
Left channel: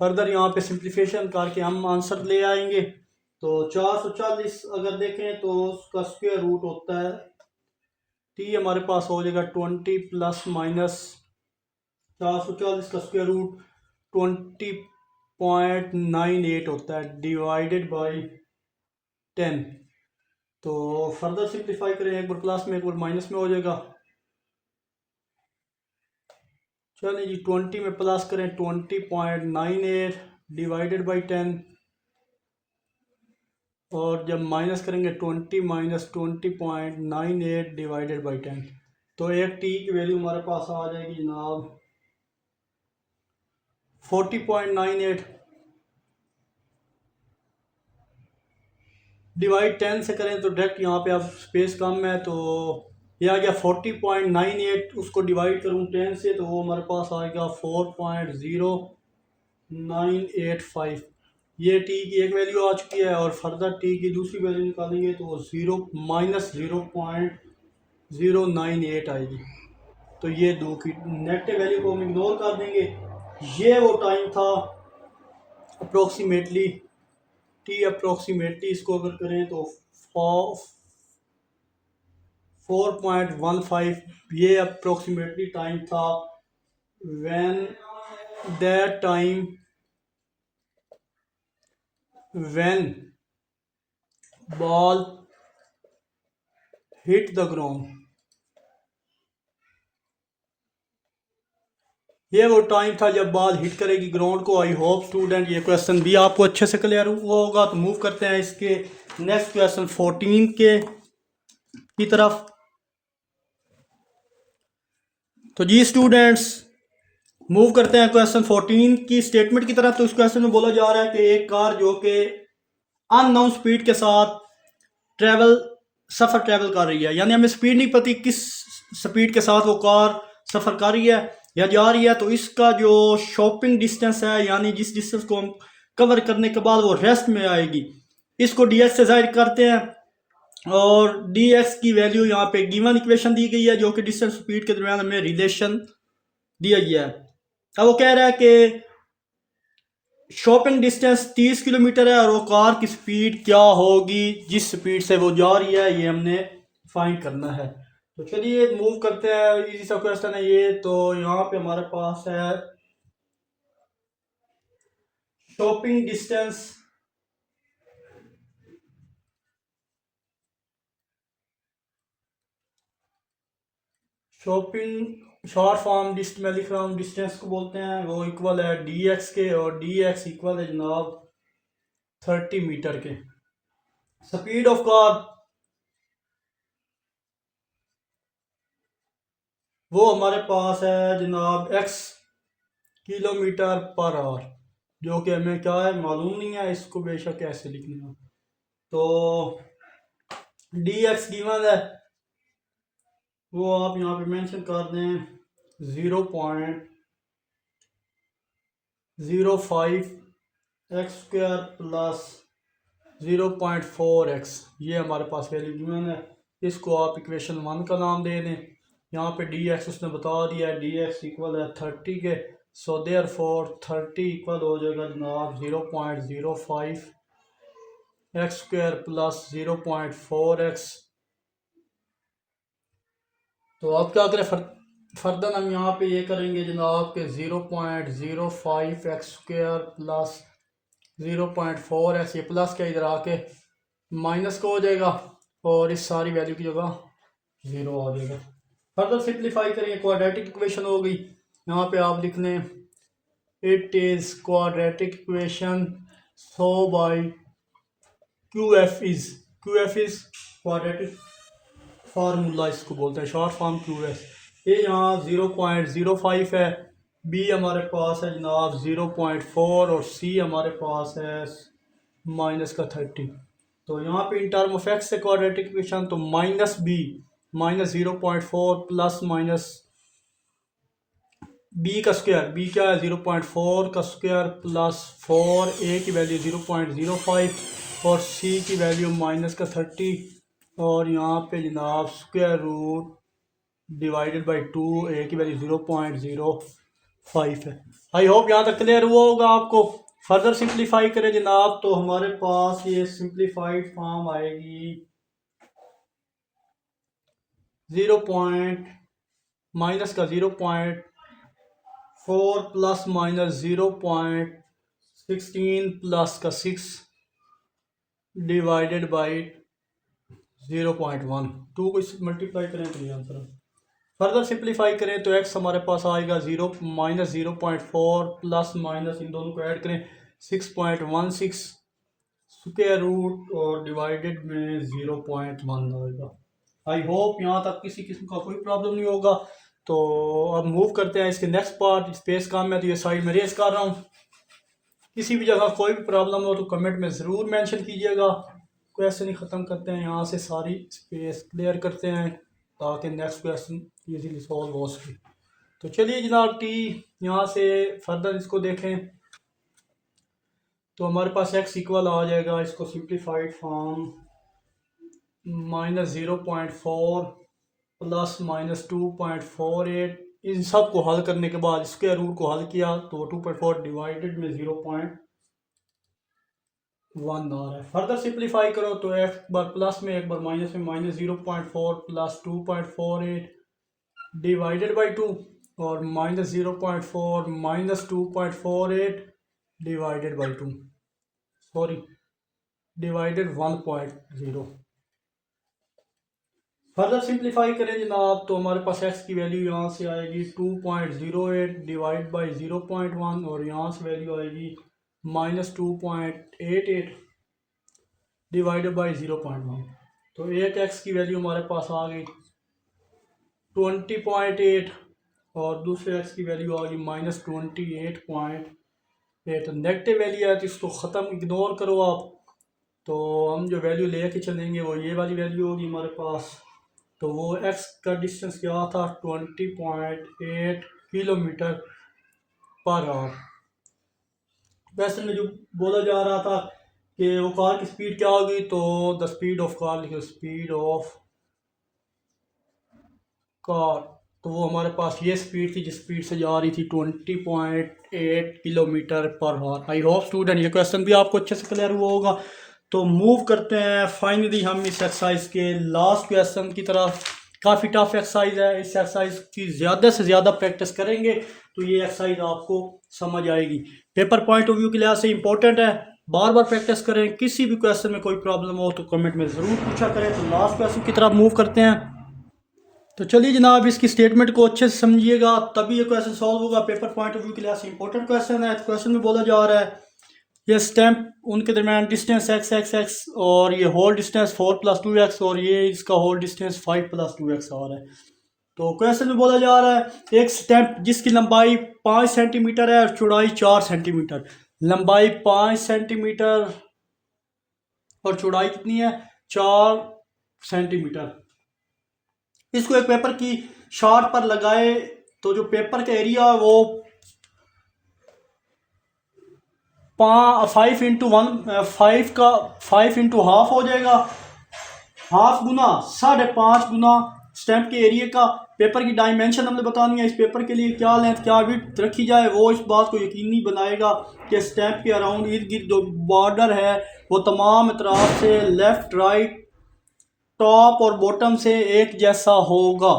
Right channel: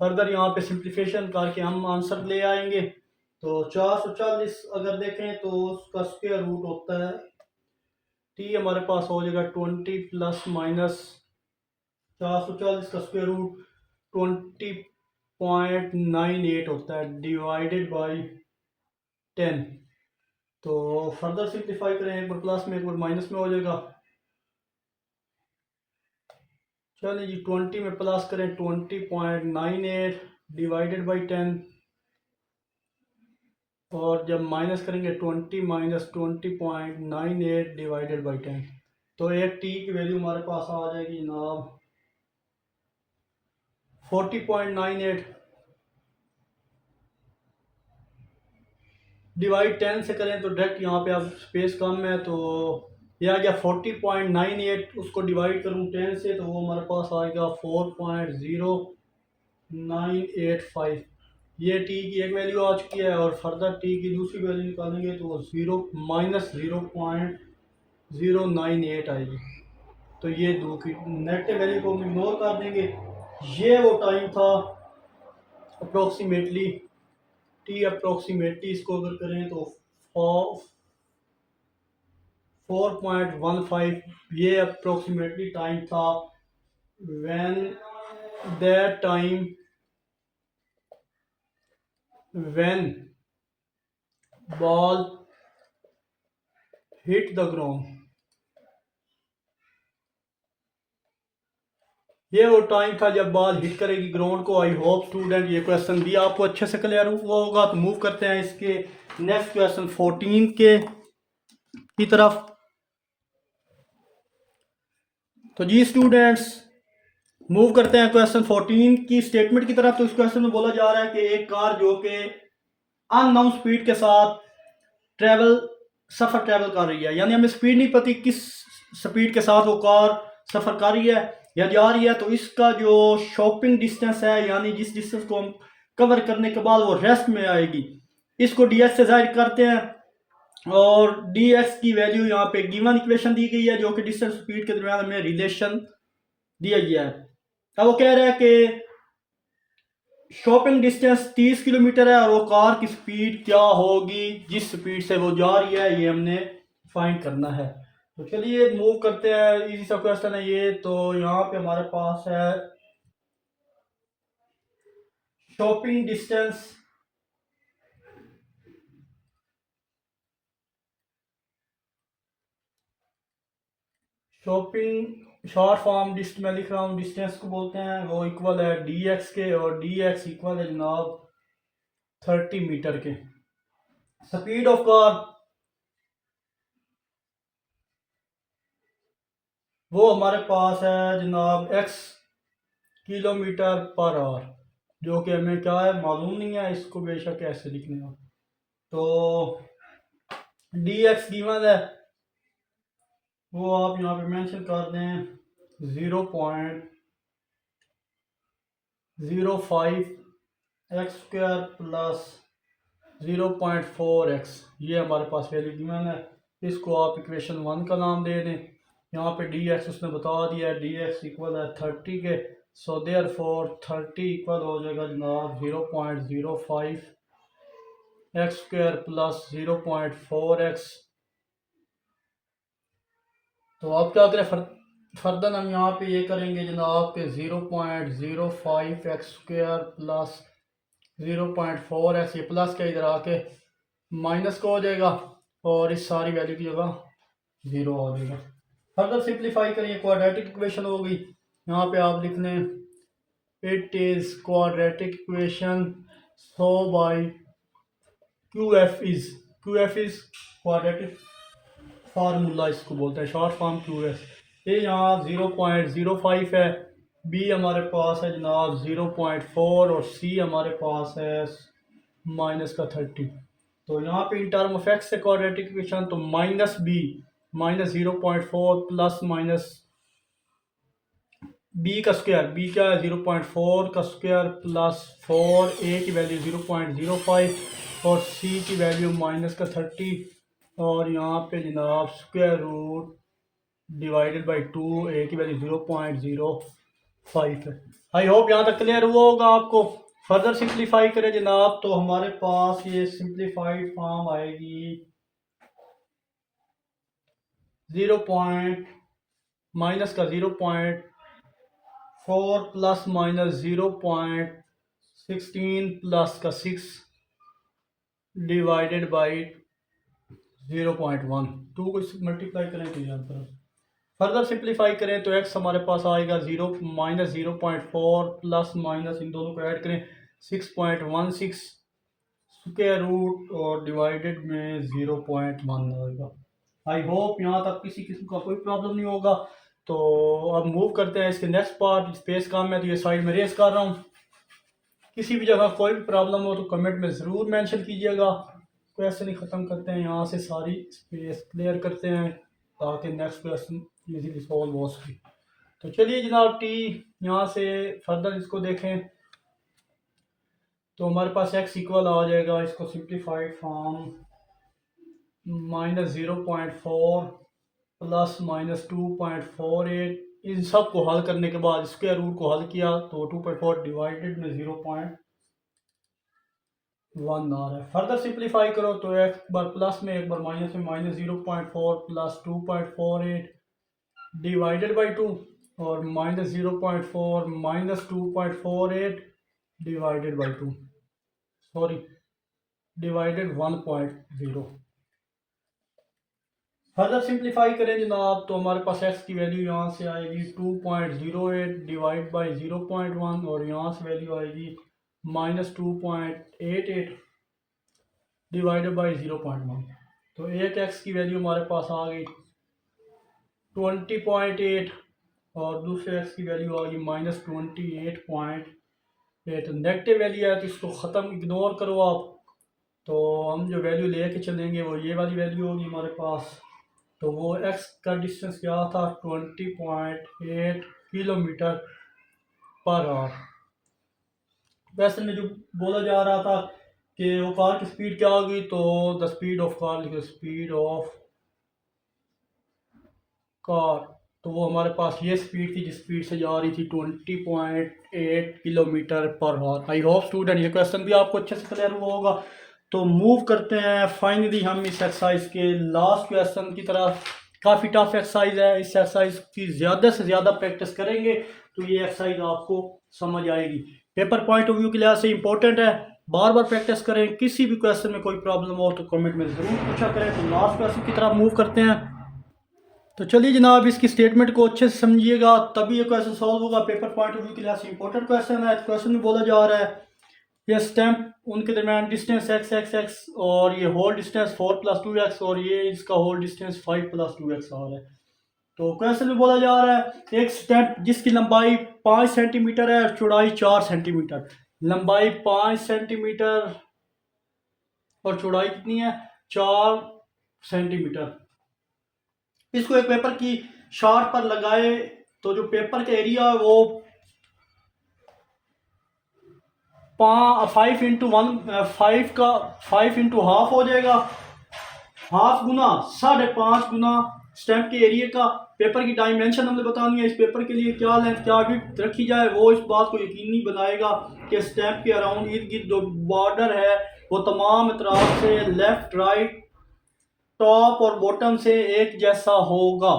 फर्दर यहाँ पे सिंप्लीफिकेशन करके हम आंसर ले आएंगे। तो 440 अगर देखें तो उसका स्क्वायर रूट होता है, टी हमारे पास हो जाएगा 20 प्लस माइनस 440 का स्क्वायर रूट 20.98 होता है, डिवाइडेड बाई 10। तो फर्दर सिंप्लीफाई करें, एक बार प्लस में एक बार माइनस में हो जाएगा। चलिए जी 20 में प्लस करें 20.98 डिवाइडेड बाई 10, और जब माइनस करेंगे 20 माइनस 20.98 डिवाइडेड बाई 10, तो एक टी की वैल्यू हमारे पास आ जाएगी जनाब 40.98 डिवाइड 10 से करें तो डायरेक्ट यहाँ पे अब स्पेस कम है, तो ये आ गया 40.98, उसको डिवाइड करूँ 10 से तो वो हमारे पास आएगा 4.0985। ये टी की एक वैल्यू आ चुकी है और फर्दर टी की दूसरी वैल्यू निकालेंगे तो ज़ीरो माइनस 0.098 आएगी। तो ये दो की नेगेटिव वैल्यू को हम इग्नोर कर देंगे। ये वो टाइम था अप्रोक्सीमेटली, टी अप्रोक्सीमेटली इसको अगर करें तो 4.15 ये अप्रोक्सीमेटली टाइम था when that time when ball hit the ground। ये वो टाइम था जब बॉल हिट करेगी ग्राउंड को। आई होप स्टूडेंट ये क्वेश्चन भी आपको अच्छे से क्लियर हुआ होगा। तो मूव करते हैं इसके नेक्स्ट क्वेश्चन 14 के की तरफ। तो जी स्टूडेंट्स मूव करते हैं क्वेश्चन 14 की स्टेटमेंट की तरफ। तो इस क्वेश्चन में बोला जा रहा है कि एक कार जो कि अननोन स्पीड के साथ सफ़र ट्रेवल कर रही है, यानी हमें स्पीड नहीं पता किस स्पीड के साथ वो कार सफ़र कर रही है या जा रही है। तो इसका जो शॉपिंग डिस्टेंस है, यानी जिस डिस्टेंस को हम कवर करने के बाद वो रेस्ट में आएगी, इसको डी एक्स से जाहिर करते हैं। और डी एक्स की वैल्यू यहाँ पे गिवन इक्वेशन दी गई है जो कि डिस्टेंस स्पीड के दरमियान हमें रिलेशन दिया गया है। अब वो कह रहा है कि शॉपिंग डिस्टेंस 30 किलोमीटर है और वो कार की स्पीड क्या होगी जिस स्पीड से वो जा रही है, ये हमने फाइंड करना है। तो चलिए मूव करते हैं। इजी सा क्वेश्चन है ये। तो यहाँ पे हमारे पास है shopping distance shopping short form मैं लिख रहा हूँ डिस्टेंस को बोलते हैं, वो इक्वल है डी एक्स के और डी एक्स इक्वल है जनाब 30 मीटर के। स्पीड ऑफ कार वो हमारे पास है जनाब x किलोमीटर पर आवर, जो कि हमें क्या है मालूम नहीं है, इसको बेशक कैसे लिखने हो। तो डी एक्स गिवन है, वो आप यहाँ पे मेंशन कर दें 0.05 एक्स स्क्वायर प्लस 0.4 एक्स। ये हमारे पास वैल्यू गिवन है। इसको आप इक्वेशन 1 का नाम दे दें। यहाँ पे डी एक्स उसने बता दिया है, डी एक्स इक्वल है 30 के। सो देयर फोर 30 इक्वल हो जाएगा जनाब 0.05 एक्स स्क्वायर प्लस 0.4 एक्स। तो आप क्या करें फर्दर हम यहाँ पे ये करेंगे जनाब के 0.05 एक्स स्क्वायर प्लस 0.4 एक्स, ये प्लस के इधर आके माइनस का हो जाएगा और इस सारी वैल्यू की जगह 0 हो जाएगा। फर्दर सिंप्लीफाई करेंगे, क्वाड्रेटिक इक्वेशन होगी। यहाँ पे आप लिख लें it is quadratic equation so by Q F is quadratic formula इसको बोलते हैं, शॉर्ट फॉर्म क्यू एस। ये यहाँ 0.05 है, बी हमारे पास है जनाब 0.4 और सी हमारे पास है माइनस का 30। तो यहाँ पे इन टर्म ऑफ एक्स से क्वाड्रेटिक इक्वेशन, तो minus b minus 0.4 plus minus b का स्क्वायर, बी क्या है 0.4 का स्क्वायर प्लस 4, ए की वैल्यू 0.05 और सी की वैल्यू माइनस का 30 और यहाँ पे जनाब स्क्वायर रूट डिवाइडेड बाई 2, ए की वैल्यू 0.05 है। आई होप यहाँ तक क्लियर हुआ होगा आपको। फर्दर सिंप्लीफाई करें जनाब तो हमारे पास ये सिंप्लीफाइड फॉर्म आएगी 0. माइनस का 0.4 प्लस माइनस 0.16 प्लस का 6 डिवाइडेड बाई 0.1। 2 को मल्टीप्लाई करें तो ये आंसर है। फर्दर सिंप्लीफाई करें तो x हमारे पास आएगा 0 माइनस 0.4 प्लस माइनस इन दोनों को ऐड करें 6.16 स्क्वायर रूट और डिवाइडेड में 0.1 आएगा। आई होप यहाँ तक किसी किस्म का कोई प्रॉब्लम नहीं होगा। तो अब मूव करते हैं इसके नेक्स्ट पार्ट। स्पेस काम है तो ये साइड में रेस कर रहा हूँ। किसी भी जगह कोई भी प्रॉब्लम हो तो कमेंट में ज़रूर मेंशन कीजिएगा। क्वेश्चन ही ख़त्म करते हैं, यहाँ से सारी स्पेस क्लियर करते हैं ताकि नेक्स्ट क्वेश्चन इजीली सॉल्व हो सके। तो चलिए जनाब टी यहाँ से फर्दर इसको देखें। तो हमारे पास x इक्वल आ जाएगा, इसको सिंप्लीफाइड फॉर्म -0.4 प्लस -2.48, इन सब को हल करने के बाद स्क्वायर रूट को हल किया तो 2.4 डिवाइडेड में 0.1 आ रहा है। फर्दर सिंप्लीफाई करो तो एक बार प्लस में एक बार माइनस में, -0.4 प्लस 2.48 डिवाइडेड बाई 2 और -0.4 -2.48 divided by 2, sorry divided 1.0। Further simplify करें जनाब तो हमारे पास x की वैल्यू यहाँ से आएगी 2.08 डिवाइड बाई 0.1 और यहाँ से वैल्यू आएगी -2.88 डिवाइडेड बाई 0.1। तो एक x की वैल्यू हमारे पास आ गई 20.8 और दूसरे x की वैल्यू आ गई -28.8। नेगेटिव वैल्यू है तो इसको ख़त्म इग्नोर करो आप। तो हम जो वैल्यू लेके चलेंगे वो ये वाली वैल्यू होगी हमारे पास। तो वो x का डिस्टेंस क्या था 20.8 किलोमीटर पर आवर। क्वेश्चन में जो बोला जा रहा था कि वो कार की स्पीड क्या होगी, तो द स्पीड ऑफ कार लिखो, स्पीड ऑफ कार। तो वो हमारे पास ये स्पीड थी जिस स्पीड से जा रही थी 20.8 kilometre per hour. I hope student ये क्वेश्चन भी आपको अच्छे से क्लियर हुआ होगा। तो मूव करते हैं फाइनली हम इस एक्सरसाइज के लास्ट क्वेश्चन की तरफ। काफ़ी टफ एक्सरसाइज है, इस एक्सरसाइज की ज़्यादा से ज़्यादा प्रैक्टिस करेंगे तो ये एक्सरसाइज आपको समझ आएगी। पेपर पॉइंट ऑफ व्यू के लिहाज से इंपॉर्टेंट है, बार बार प्रैक्टिस करें। किसी भी क्वेश्चन में कोई प्रॉब्लम हो तो कमेंट में ज़रूर पूछा करें। तो लास्ट क्वेश्चन की तरफ मूव करते हैं। तो चलिए जनाब इसकी स्टेटमेंट को अच्छे से समझिएगा तभी ये क्वेश्चन सॉल्व होगा। पेपर पॉइंट ऑफ व्यू के लिहाज से इंपॉर्टेंट क्वेश्चन है। क्वेश्चन में बोला जा रहा है ये स्टैम्प उनके दरमियान डिस्टेंस x और ये होल डिस्टेंस 4 + 2x और ये इसका होल डिस्टेंस 5 + 2x आ रहा है। तो क्वेश्चन में बोला जा रहा है एक स्टैम्प जिसकी लंबाई 5 सेंटीमीटर है और चौड़ाई 4 सेंटीमीटर, लंबाई 5 सेंटीमीटर और चौड़ाई कितनी है 4 सेंटीमीटर, इसको एक पेपर की शॉर्ट पर लगाए तो जो पेपर का एरिया है वो 5 इंटू हाफ हो जाएगा। हाफ गुना 5.5 गुना स्टैम्प के एरिया का। पेपर की डायमेंशन हमने बतानी है, इस पेपर के लिए क्या लेंथ क्या विड्थ रखी जाए वो इस बात को यकीनी बनाएगा कि स्टैम्प के अराउंड इर्द गिर्द जो बॉर्डर है वो तमाम अतराफ से लेफ्ट राइट टॉप और बॉटम से एक जैसा होगा।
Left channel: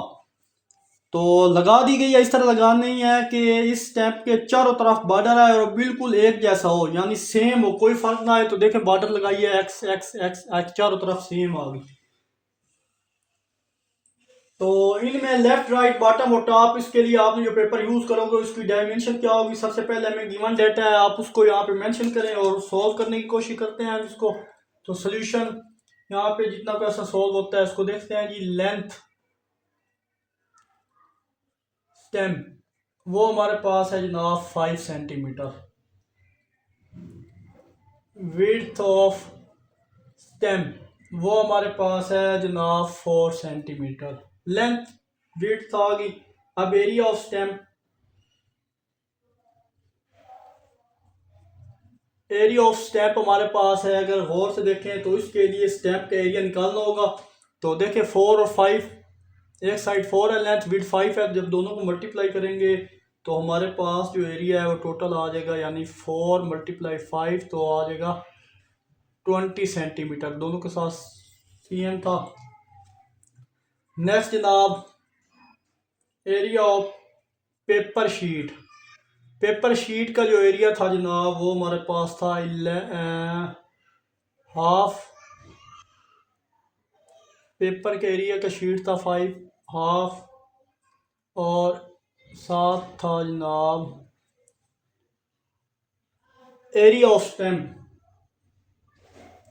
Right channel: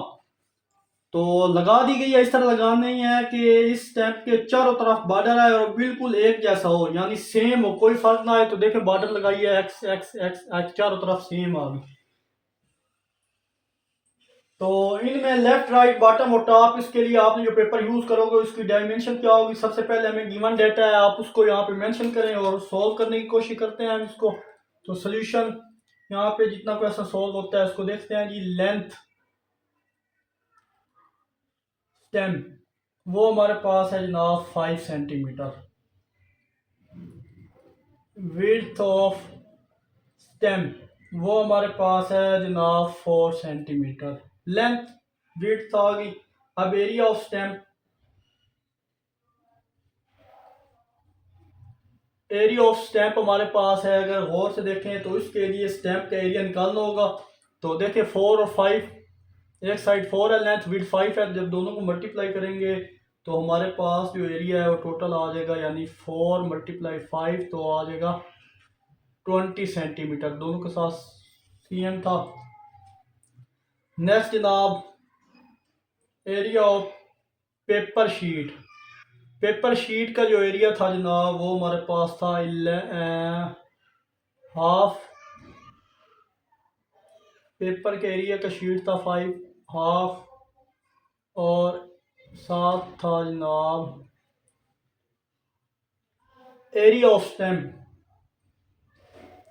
तो लगा दी गई है, इस तरह लगानी है कि इस स्टैम्प के चारों तरफ बॉर्डर है और बिल्कुल एक जैसा हो, यानी सेम हो, कोई फर्क ना है। तो देखें बॉर्डर लगाइए एक्स एक्स एक्स एक्स चारों तरफ सेम आ गई। तो इनमें लेफ्ट राइट बॉटम और टॉप, इसके लिए आपने जो पेपर यूज करोगे उसकी डायमेंशन क्या होगी। सबसे पहले हमें गिवन डेटा है, आप उसको यहाँ पे मेंशन करें और सॉल्व करने की कोशिश करते हैं हम इसको। तो सोल्यूशन यहाँ पे जितना पैसा सॉल्व होता है इसको देखते हैं जी। लेंथ स्टेम वो हमारे पास है जनाब 5 सेंटीमीटर। विड्थ ऑफ स्टेम वो हमारे पास है जनाब 4 सेंटीमीटर। लेंथ विड्थ आ गई। अब area of stem, area of stamp हमारे पास है, अगर गौर से देखें तो इसके लिए स्टैम्प का एरिया निकालना होगा। तो देखें 4 और 5, एक साइड 4 है लेंथ, विड्थ 5 है, जब दोनों को मल्टीप्लाई करेंगे तो हमारे पास जो एरिया है वो टोटल आ जाएगा, यानी 4 × 5 तो आ जाएगा 20 सेंटीमीटर। दोनों के साथ सीएम था। नेक्स्ट जनाब area of paper sheet. Paper sheet का जो एरिया था जनाब वो हमारे पास था हाफ। पेपर के एरिया का शीट था 5 हाफ और साथ था जनाब एरिया ऑफ स्टेम।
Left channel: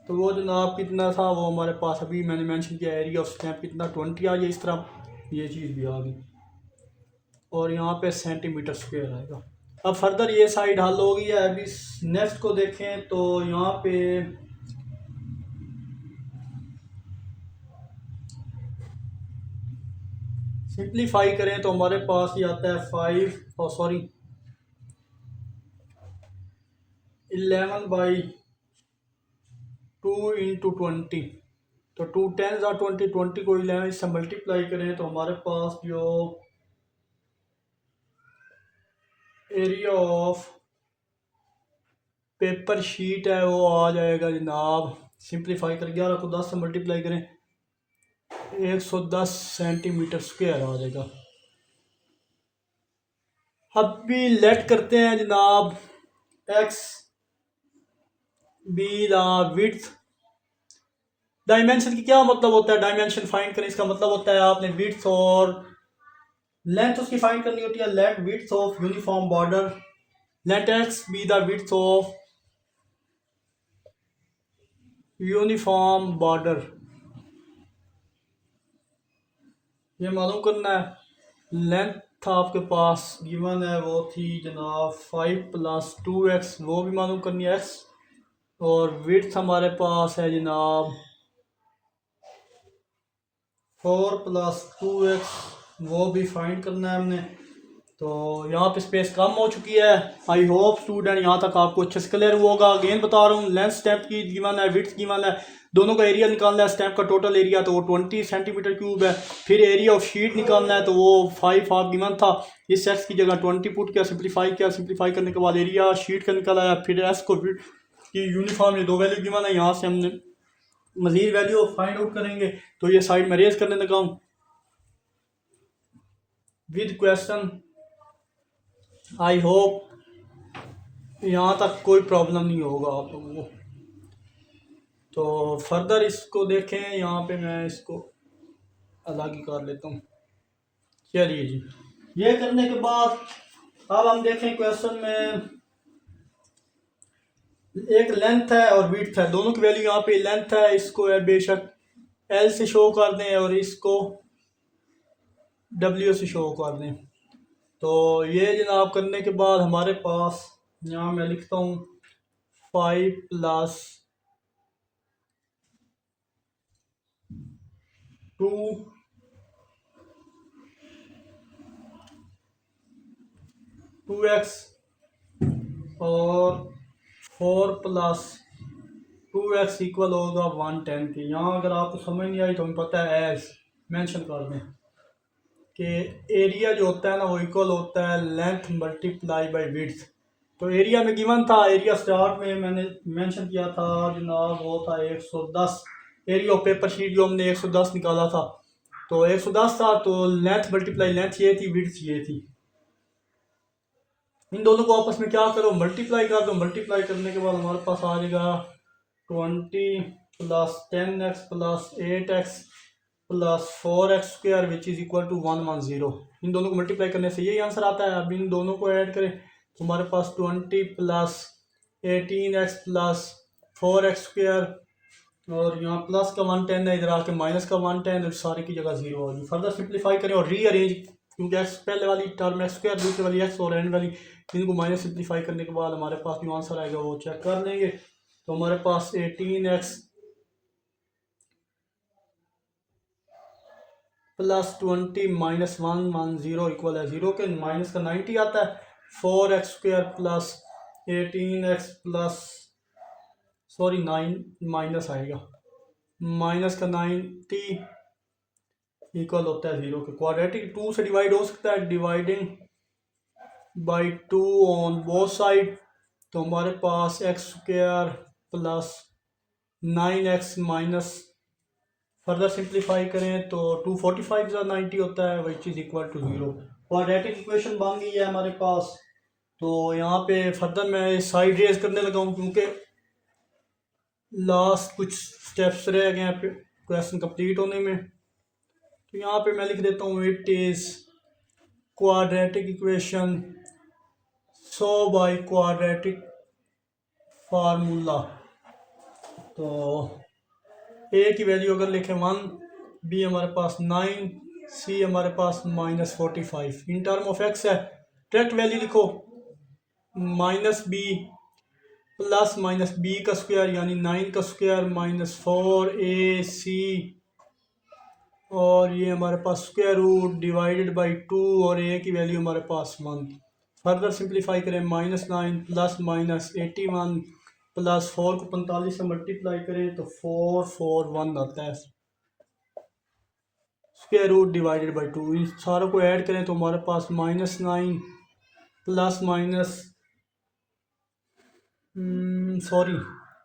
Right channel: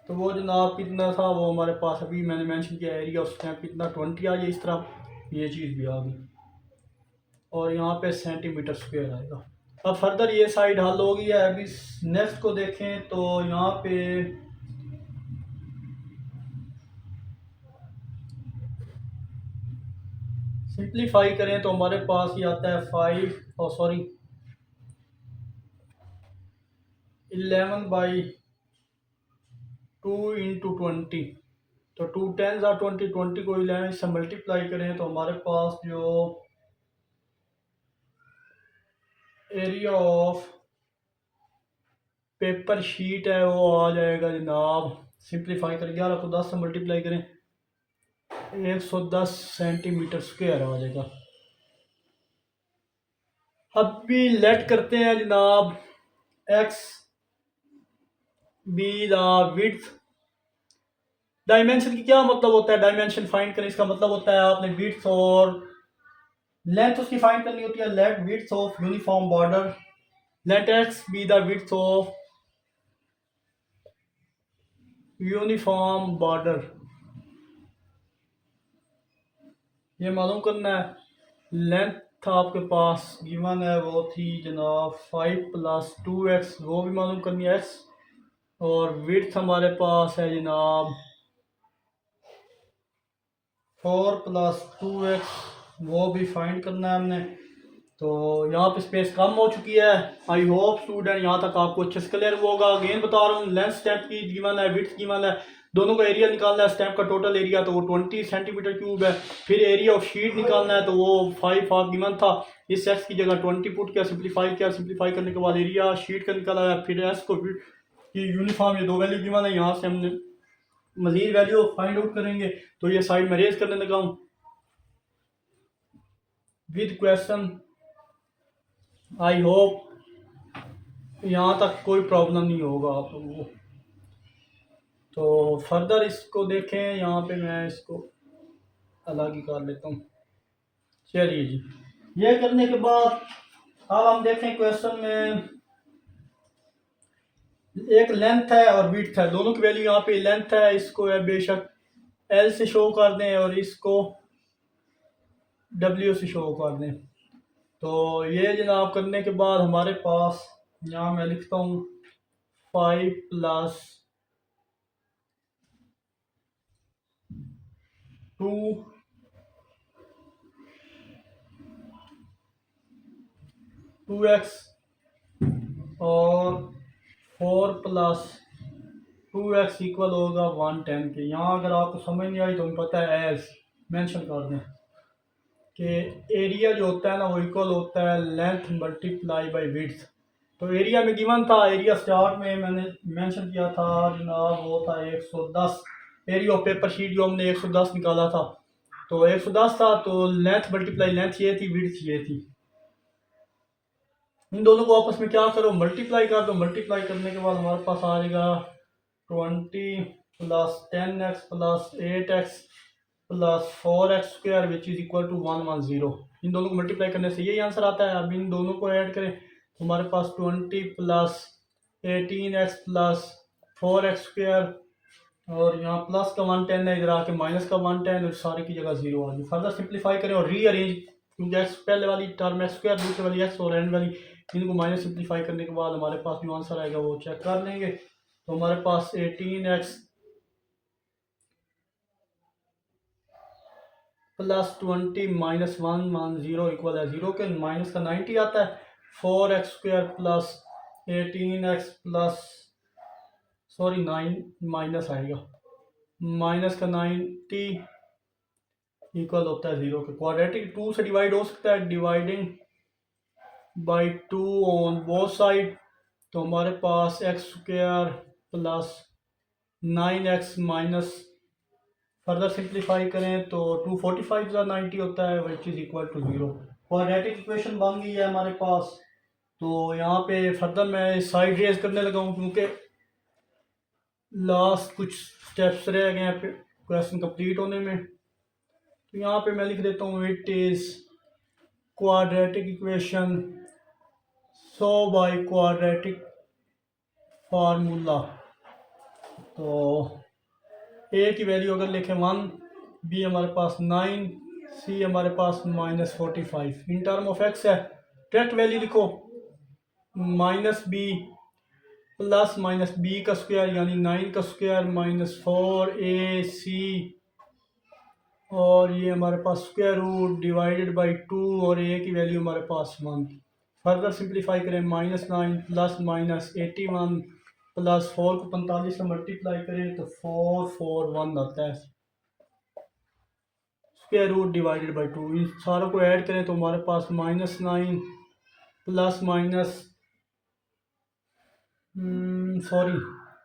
तो वो जनाब कितना था वो हमारे पास अभी मैंने मेंशन किया, एरिया ऑफ स्टेम कितना 20 आ गया। इस तरह ये चीज़ भी आ गई और यहाँ पे सेंटीमीटर स्क्वायर आएगा। अब फर्दर ये साइड हल हो गई है। अभी नेक्स्ट को देखें तो यहाँ पे सिंप्लीफाई करें तो हमारे पास ये आता है 5 और सॉरी 11/2 × 20, तो 2 10 और 20, 20 को 11 से मल्टीप्लाई करें तो हमारे पास जो एरिया ऑफ पेपर शीट है वो आ जाएगा जनाब। सिंप्लीफाई कर 11 को 10 से मल्टीप्लाई करें 110 सेंटीमीटर स्क्वायर आ जाएगा। अब भी लेट करते हैं जनाब x be the width. Dimension की क्या मतलब होता है, डायमेंशन फाइंड करें इसका मतलब होता है आपने विड्थ और लेंथ उसकी फाइंड करनी होती है। Let width of uniform border, let x be the width of uniform border, ये मालूम करना है। लेंथ आपके पास गिवन है वो थी जनाब 5 + 2x, वो भी मालूम करनी है x, और विड्थ हमारे पास है जनाब 4 + 2x, वो भी फाइंड करना है हमने। तो यहाँ पे स्पेस कम हो चुकी है। आई होप स्टूडेंट यहाँ तक आपको अच्छे से क्लियर हुआ होगा। अगेन बता रहा हूँ, लेंथ स्टेप की गिवन है, विड्थ गिवन है, दोनों का एरिया निकालना है। स्टेप का टोटल एरिया तो वो 20 सेंटीमीटर क्यूब है। फिर एरिया ऑफ शीट निकालना है तो वो 5 हाफ गिवन था, इस एक्स की जगह 20 पुट किया, सिंप्लीफाई किया, सिंप्लीफाई करने के बाद एरिया शीट का निकाला है। फिर एस को की यूनिफॉर्म, ये दो वैल्यू गिवन है, यहाँ से हमने मजीद वैल्यू फाइंड आउट करेंगे। तो ये साइड में रेज करने लगा हूँ विद क्वेश्चन। आई होप यहाँ तक कोई प्रॉब्लम नहीं होगा आप लोगों को। तो फर्दर इसको देखें, यहाँ पे मैं इसको अलग ही कर लेता हूँ। चलिए जी, ये करने के बाद अब हम देखें क्वेश्चन में एक लेंथ है और विड्थ है, दोनों की वैल्यू यहाँ पे लेंथ है, इसको है बेशक एल से शो कर दें और इसको डब्ल्यू से शो कर दें। तो ये जनाब करने के बाद हमारे पास यहाँ मैं लिखता हूँ 5 + 2x और 4 + 2x इक्वल होगा 110 के। यहाँ अगर आपको समझ नहीं आई तो हमें पता है एज मेंशन कर दें कि एरिया जो होता है ना वो इक्वल होता है लेंथ मल्टीप्लाई बाय विड्थ। तो एरिया में गिवन था, एरिया स्टार्ट में मैंने मेंशन किया था जनाब वो था 110, एरिया ऑफ पेपर शीट जो हमने 110 निकाला था, तो 110 था, तो लेंथ मल्टीप्लाई लेंथ ये थी, विड्थ ये थी। इन दोनों को आपस में क्या करो, मल्टीप्लाई कर दो। मल्टीप्लाई करने के बाद हमारे पास आ जाएगा 20 + 10x + 8x + 4x² which is equal to 110। इन दोनों को मल्टीप्लाई करने से यही आंसर आता है। अब इन दोनों को ऐड करें तो हमारे पास 20 + 18x + 4x² और यहाँ प्लस का 110 है, इधर आके माइनस का 110, सारी की जगह 0 आ गई। फर्दर सिंप्लीफाई करें और रीअरेंज, क्योंकि एक्स पहले वाली टर्म x², दूसरी वाली x और एंड वाली, इनको माइनस सिंप्लीफाई करने के बाद हमारे पास जो आंसर आएगा वो चेक कर लेंगे। तो हमारे पास 18x + 20 - 110 इक्वल है 0 के, माइनस का 90 आता है। 4x² + 18x plus, sorry 9 minus आएगा, माइनस का 90 इक्वल होता है 0 के। क्वाड्रेटिक 2 से डिवाइड हो सकता है, dividing by 2 on both side, तो हमारे पास x² + 9x minus, further simplify करें तो 245 + 90 होता है which is equal to 0। Quadratic equation बन गई है हमारे पास। तो यहाँ पे फर्दर मैं साइड रेज करने लगा हूँ, क्योंकि लास्ट कुछ स्टेप्स रह गए हैं क्वेश्चन कंप्लीट होने में। तो यहाँ पे मैं लिख देता हूँ it is quadratic equation so by quadratic formula. तो ए की वैल्यू अगर लिखें 1, बी हमारे पास 9, सी हमारे पास -45, इन टर्म ऑफ एक्स है, डायरेक्ट वैल्यू लिखो -b प्लस -b का स्क्वायर यानी 9 का स्क्वायर -4ac, और ये हमारे पास स्क्वायर रूट डिवाइडेड बाई 2 और ए की वैल्यू हमारे पास 1। फर्दर सिंप्लीफाई करें, -9 प्लस -81 प्लस 4 को 45 से मल्टीप्लाई करें तो 441 आता है। स्क्वायर रूट डिवाइडेड बाई 2, इन सारों को ऐड करें तो हमारे पास -9 प्लस माइनस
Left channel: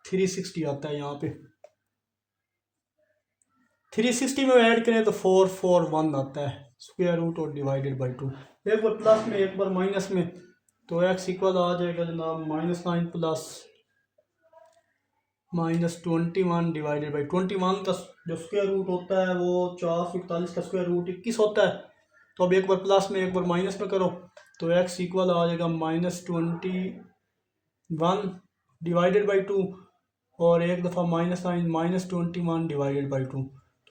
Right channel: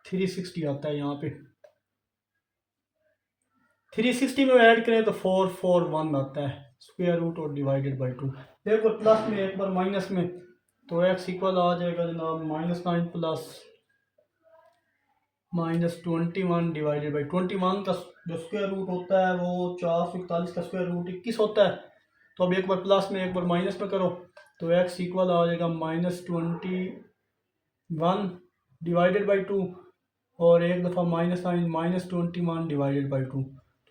360 आता है। यहाँ पे 360 में ऐड करें तो 441 आता है। स्क्वायर रूट और डिवाइडेड बाई 2, एक बार प्लस में एक बार माइनस में, तो x इक्वल आ जाएगा जनाब -9 प्लस -21 डिवाइडेड बाई 21 का जो स्क्वायर रूट होता है वो 441 का स्क्वायर रूट 21 होता है। तो अब एक बार प्लस में एक बार माइनस में करो तो x इक्वल आ जाएगा -21 डिवाइडेड बाई 2 और एक दफ़ा -9 -21 डिवाइडेड बाई 2।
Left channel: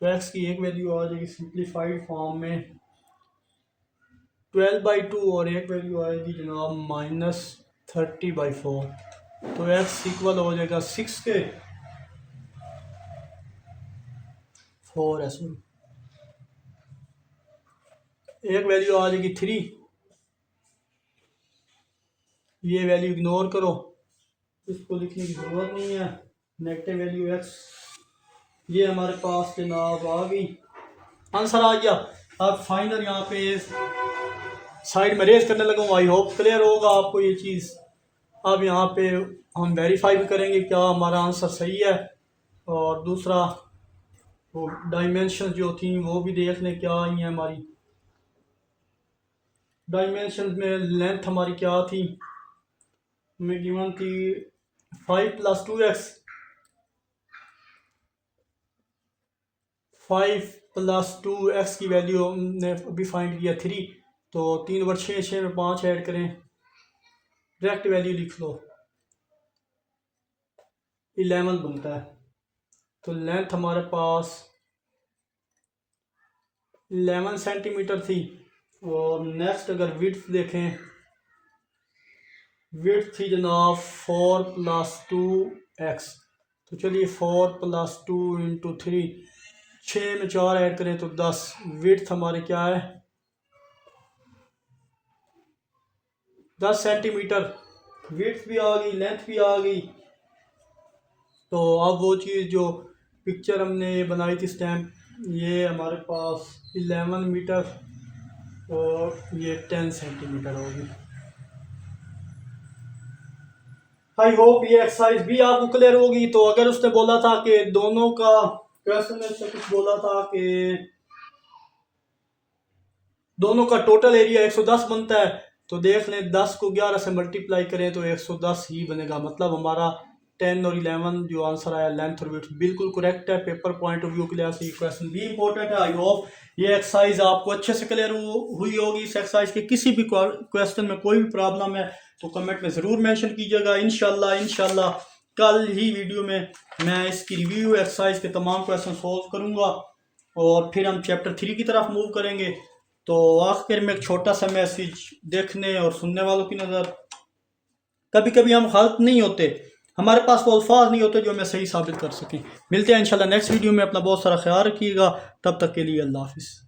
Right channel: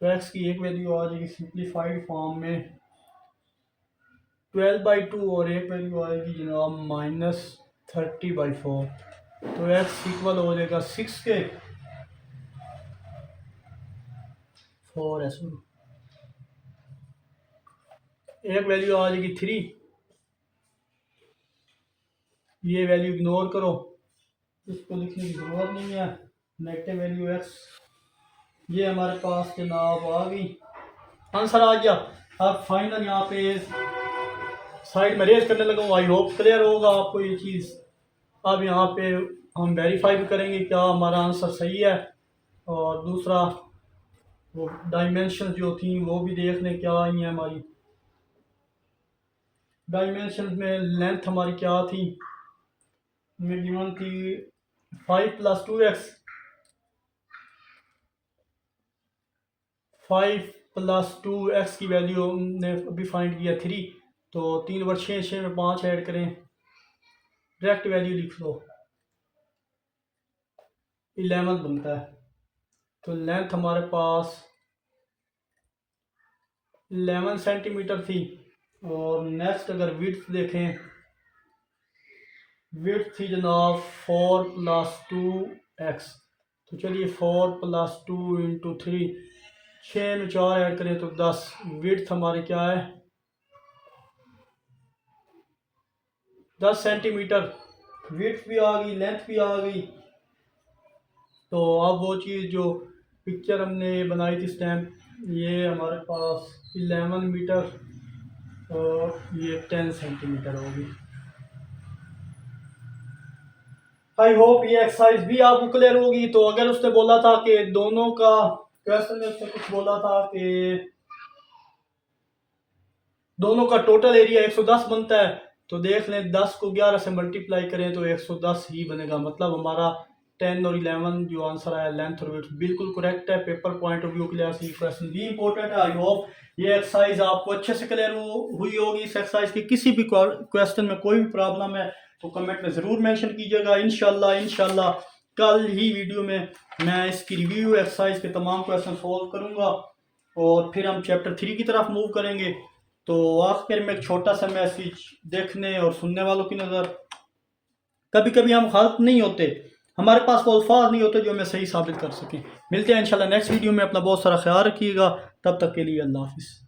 तो x की एक वैल्यू आ जाएगी सिंप्लीफाइड फॉर्म में 12/2 और एक वैल्यू आएगी जनाब -30/4। तो x इक्वल हो जाएगा 6 के 4 है। एक वैल्यू आ जाएगी 3, ये वैल्यू इग्नोर करो, इसको लिखने की ज़रूरत नहीं है। नेगेटिव वैल्यू x ये हमारे पास जनाब आ गई, आंसर आ गया। अब फाइनल यहाँ पे साइड में रेज करने लगा, आई होप क्लियर होगा आपको ये चीज़। अब यहाँ पे हम वेरीफाई भी करेंगे क्या हमारा आंसर सही है, और दूसरा वो डायमेंशन जो थी वो भी देख लें क्या आई है हमारी। डायमेंशन में लेंथ हमारी क्या थी, हमें गिवन थी 5 + 2x, 5 + 2x की वैल्यू हमने अभी फाइंड किया 3, तो 3 × 6 6 में 5 ऐड करें, डायरेक्ट वैल्यू लिख लो 11 बनता है। तो लेंथ हमारे पास 11 सेंटीमीटर थी। और नेक्स्ट अगर विड्थ देखें, विड्थ थी जनाब 4 + 2x। तो चलिए 4 + 2 × 3, 6 में 4 ऐड करें तो 10। विड्थ हमारी क्या है 10 सेंटीमीटर। विड्थ भी आ गई, लेंथ भी आ गई। तो अब वो चीज़ जो पिक्चर हमने बनाई थी स्टैम्प, ये हमारे पास 11 मीटर और ये 10 सेंटीमीटर होगी। आई होप ये एक्सरसाइज भी आपको क्लियर होगी। तो अगर उसने बोला था कि दोनों का क्वेश्चन में उसने कुछ बोला था कि दोनों का टोटल एरिया 110 बनता है, तो देख लें 10 को 11 से मल्टीप्लाई करें तो 110 ही बनेगा। मतलब हमारा 10 और 11 जो आंसर आया लेंथ और विड्थ बिल्कुल करेक्ट है। पेपर पॉइंट ऑफ व्यू के लिए ये क्वेश्चन भी इंपॉर्टेंट है। आई होप ये एक्सरसाइज आपको अच्छे से क्लियर हुई होगी। इस एक्सरसाइज के किसी भी क्वेश्चन में कोई भी प्रॉब्लम है तो कमेंट में ज़रूर मेंशन कीजिएगा। इंशाल्लाह कल ही वीडियो में मैं इसकी रिव्यू एक्सरसाइज के तमाम क्वेश्चन सॉल्व करूँगा और फिर हम चैप्टर 3 की तरफ मूव करेंगे। तो आखिर में एक छोटा सा मैसेज देखने और सुनने वालों की नज़र, कभी कभी हम गलत नहीं होते, हमारे पास वो अल्फाज नहीं होते जो हमें सही साबित कर सकें। मिलते हैं इंशाल्लाह नेक्स्ट वीडियो में। अपना बहुत सारा ख्याल रखिएगा, तब तक के लिए अल्लाह हाफिज़।